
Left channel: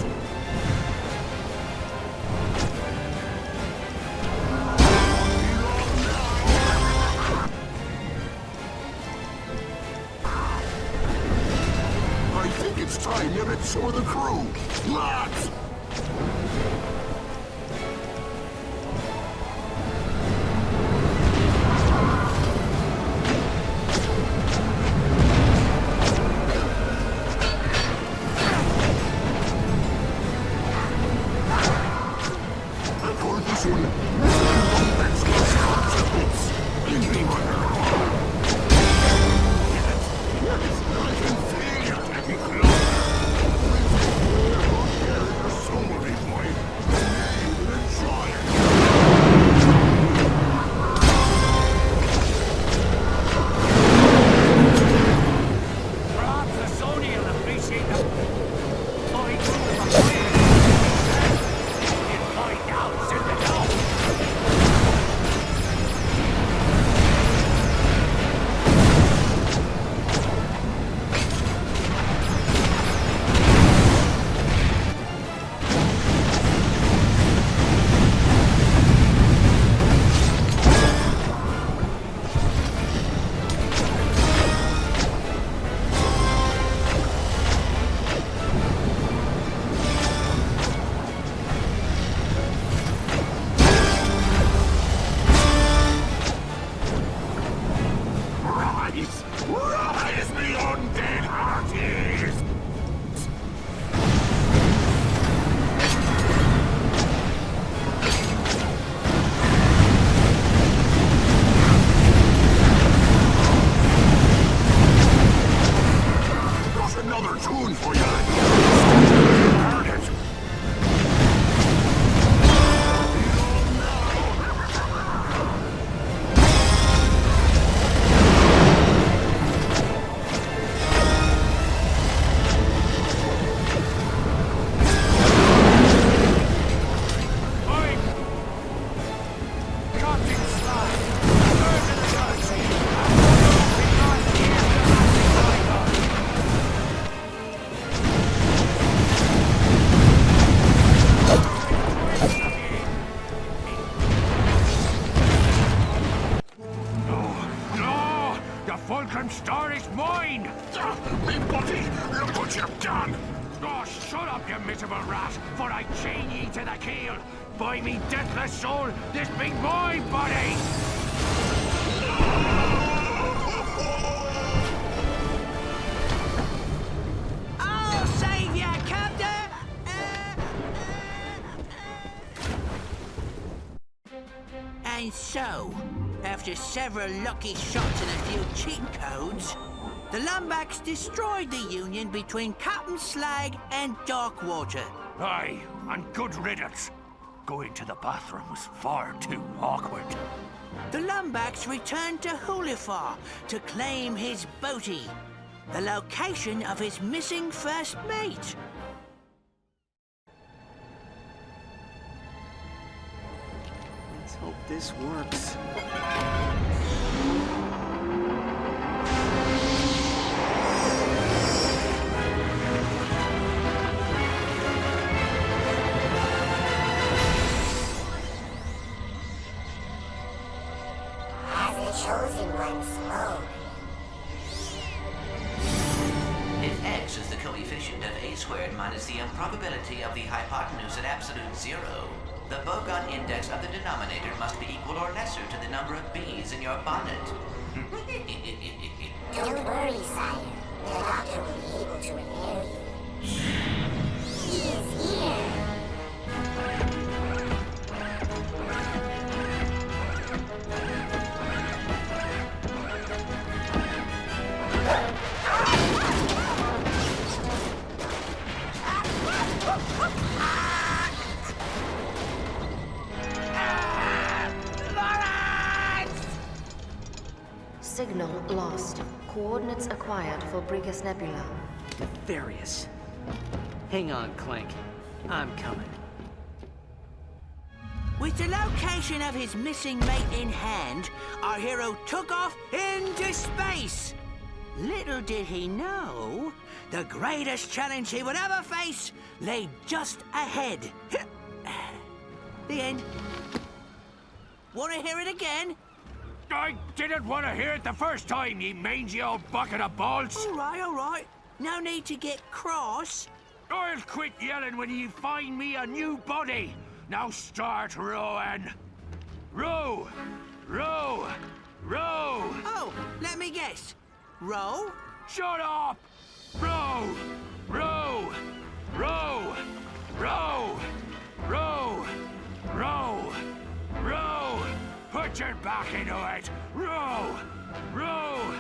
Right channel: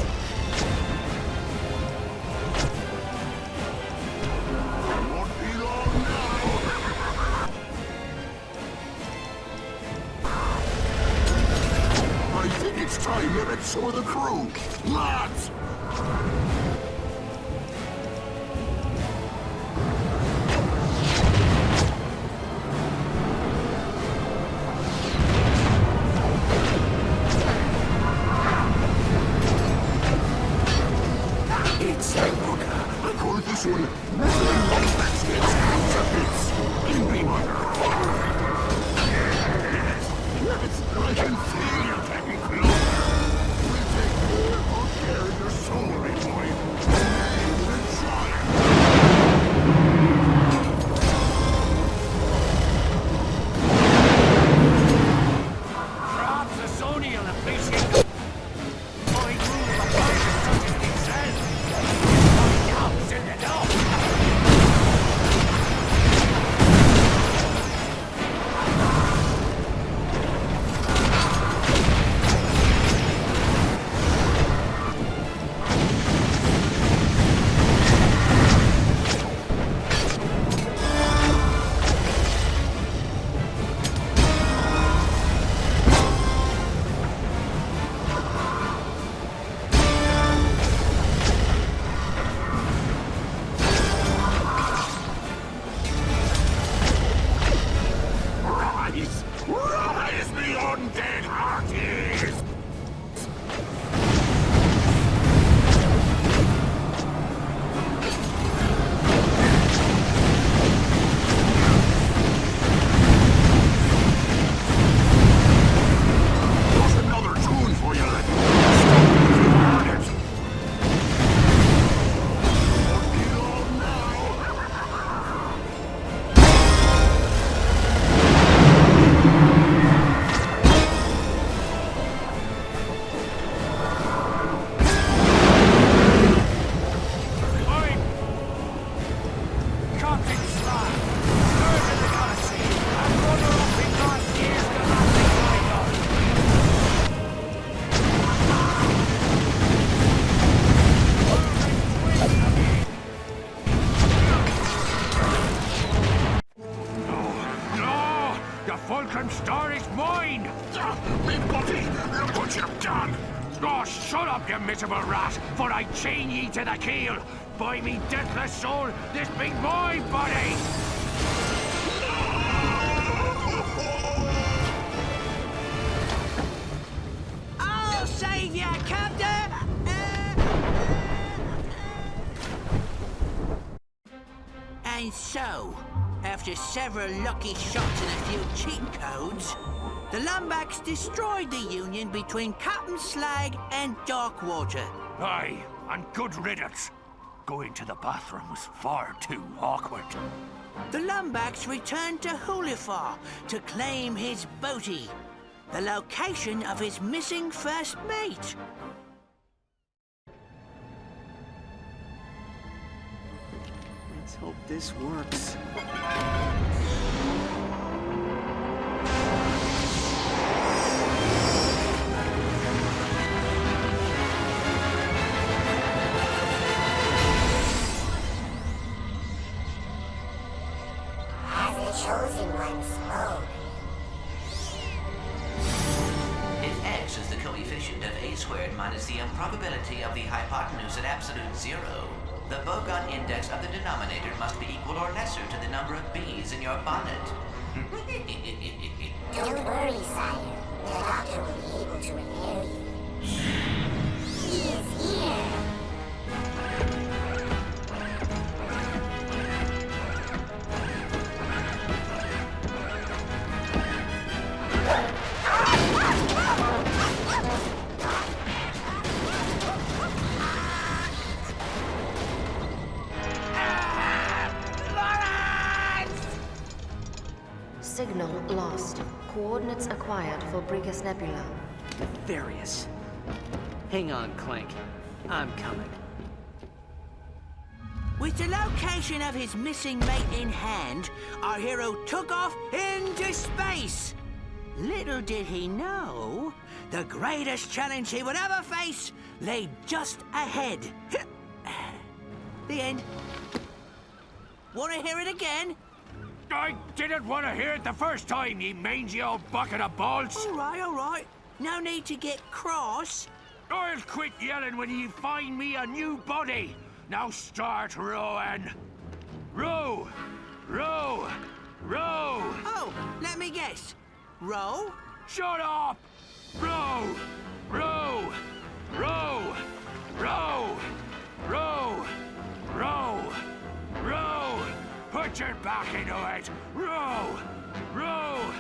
Won't be long now. I think it's time you met some of the crew. Lads! This one, Longplay gets cut to bits. Angry wonder. Yes, I can feel you getting closer. We'll take real good care of your soul, boy. You'll enjoy it. Perhaps the Sony will appreciate the fine rule of a pirate. Find out soon enough. Rise, the undead hearties! There's another tune for you. Heard it. Won't be long now. Fulcrum Star is mine! Me buddy, look what you've done! Oh, shut up, you miserable rat, for I chain ye to the keel! By me deathless soul, this be my body! I'll save ya, Captain! And so, after several lucky shots and a few cheat codes, the Lombax destroyed the union between Captain Slag and Darkwater. Aye, and good riddance. Going to the bathroom was far too awkward. The Lombax returned to Hulifar to claim his booty, the location of his missing first mate. Let's hope this works. As the chosen one spoke. If x is the coefficient of a squared minus the improbability of the hypotenuse at absolute zero, the bogon index of the denominator must be equal or lesser to the number of bees in your bonnet. Don't worry, sire. The doctor will be able to repair you. He is here. Signal lost. Coordinates acquired for Brigus Nebula. Nefarious. Hang on, Clank. I'm coming. With the location of his missing mate in hand, our hero took off into space. Little did he know, the greatest challenge he would ever face lay just ahead. The end. Want to hear it again? I didn't want to hear it the first time, you mangy old bucket of balls. All right. No need to get cross. I'll quit yelling when you find me a new body. Now start rowing. Row! Row! Row! Oh, let me guess. Row? Shut up! Row! Row! Row! Row! Row! Row! Row! Put your back into it! Row! Row!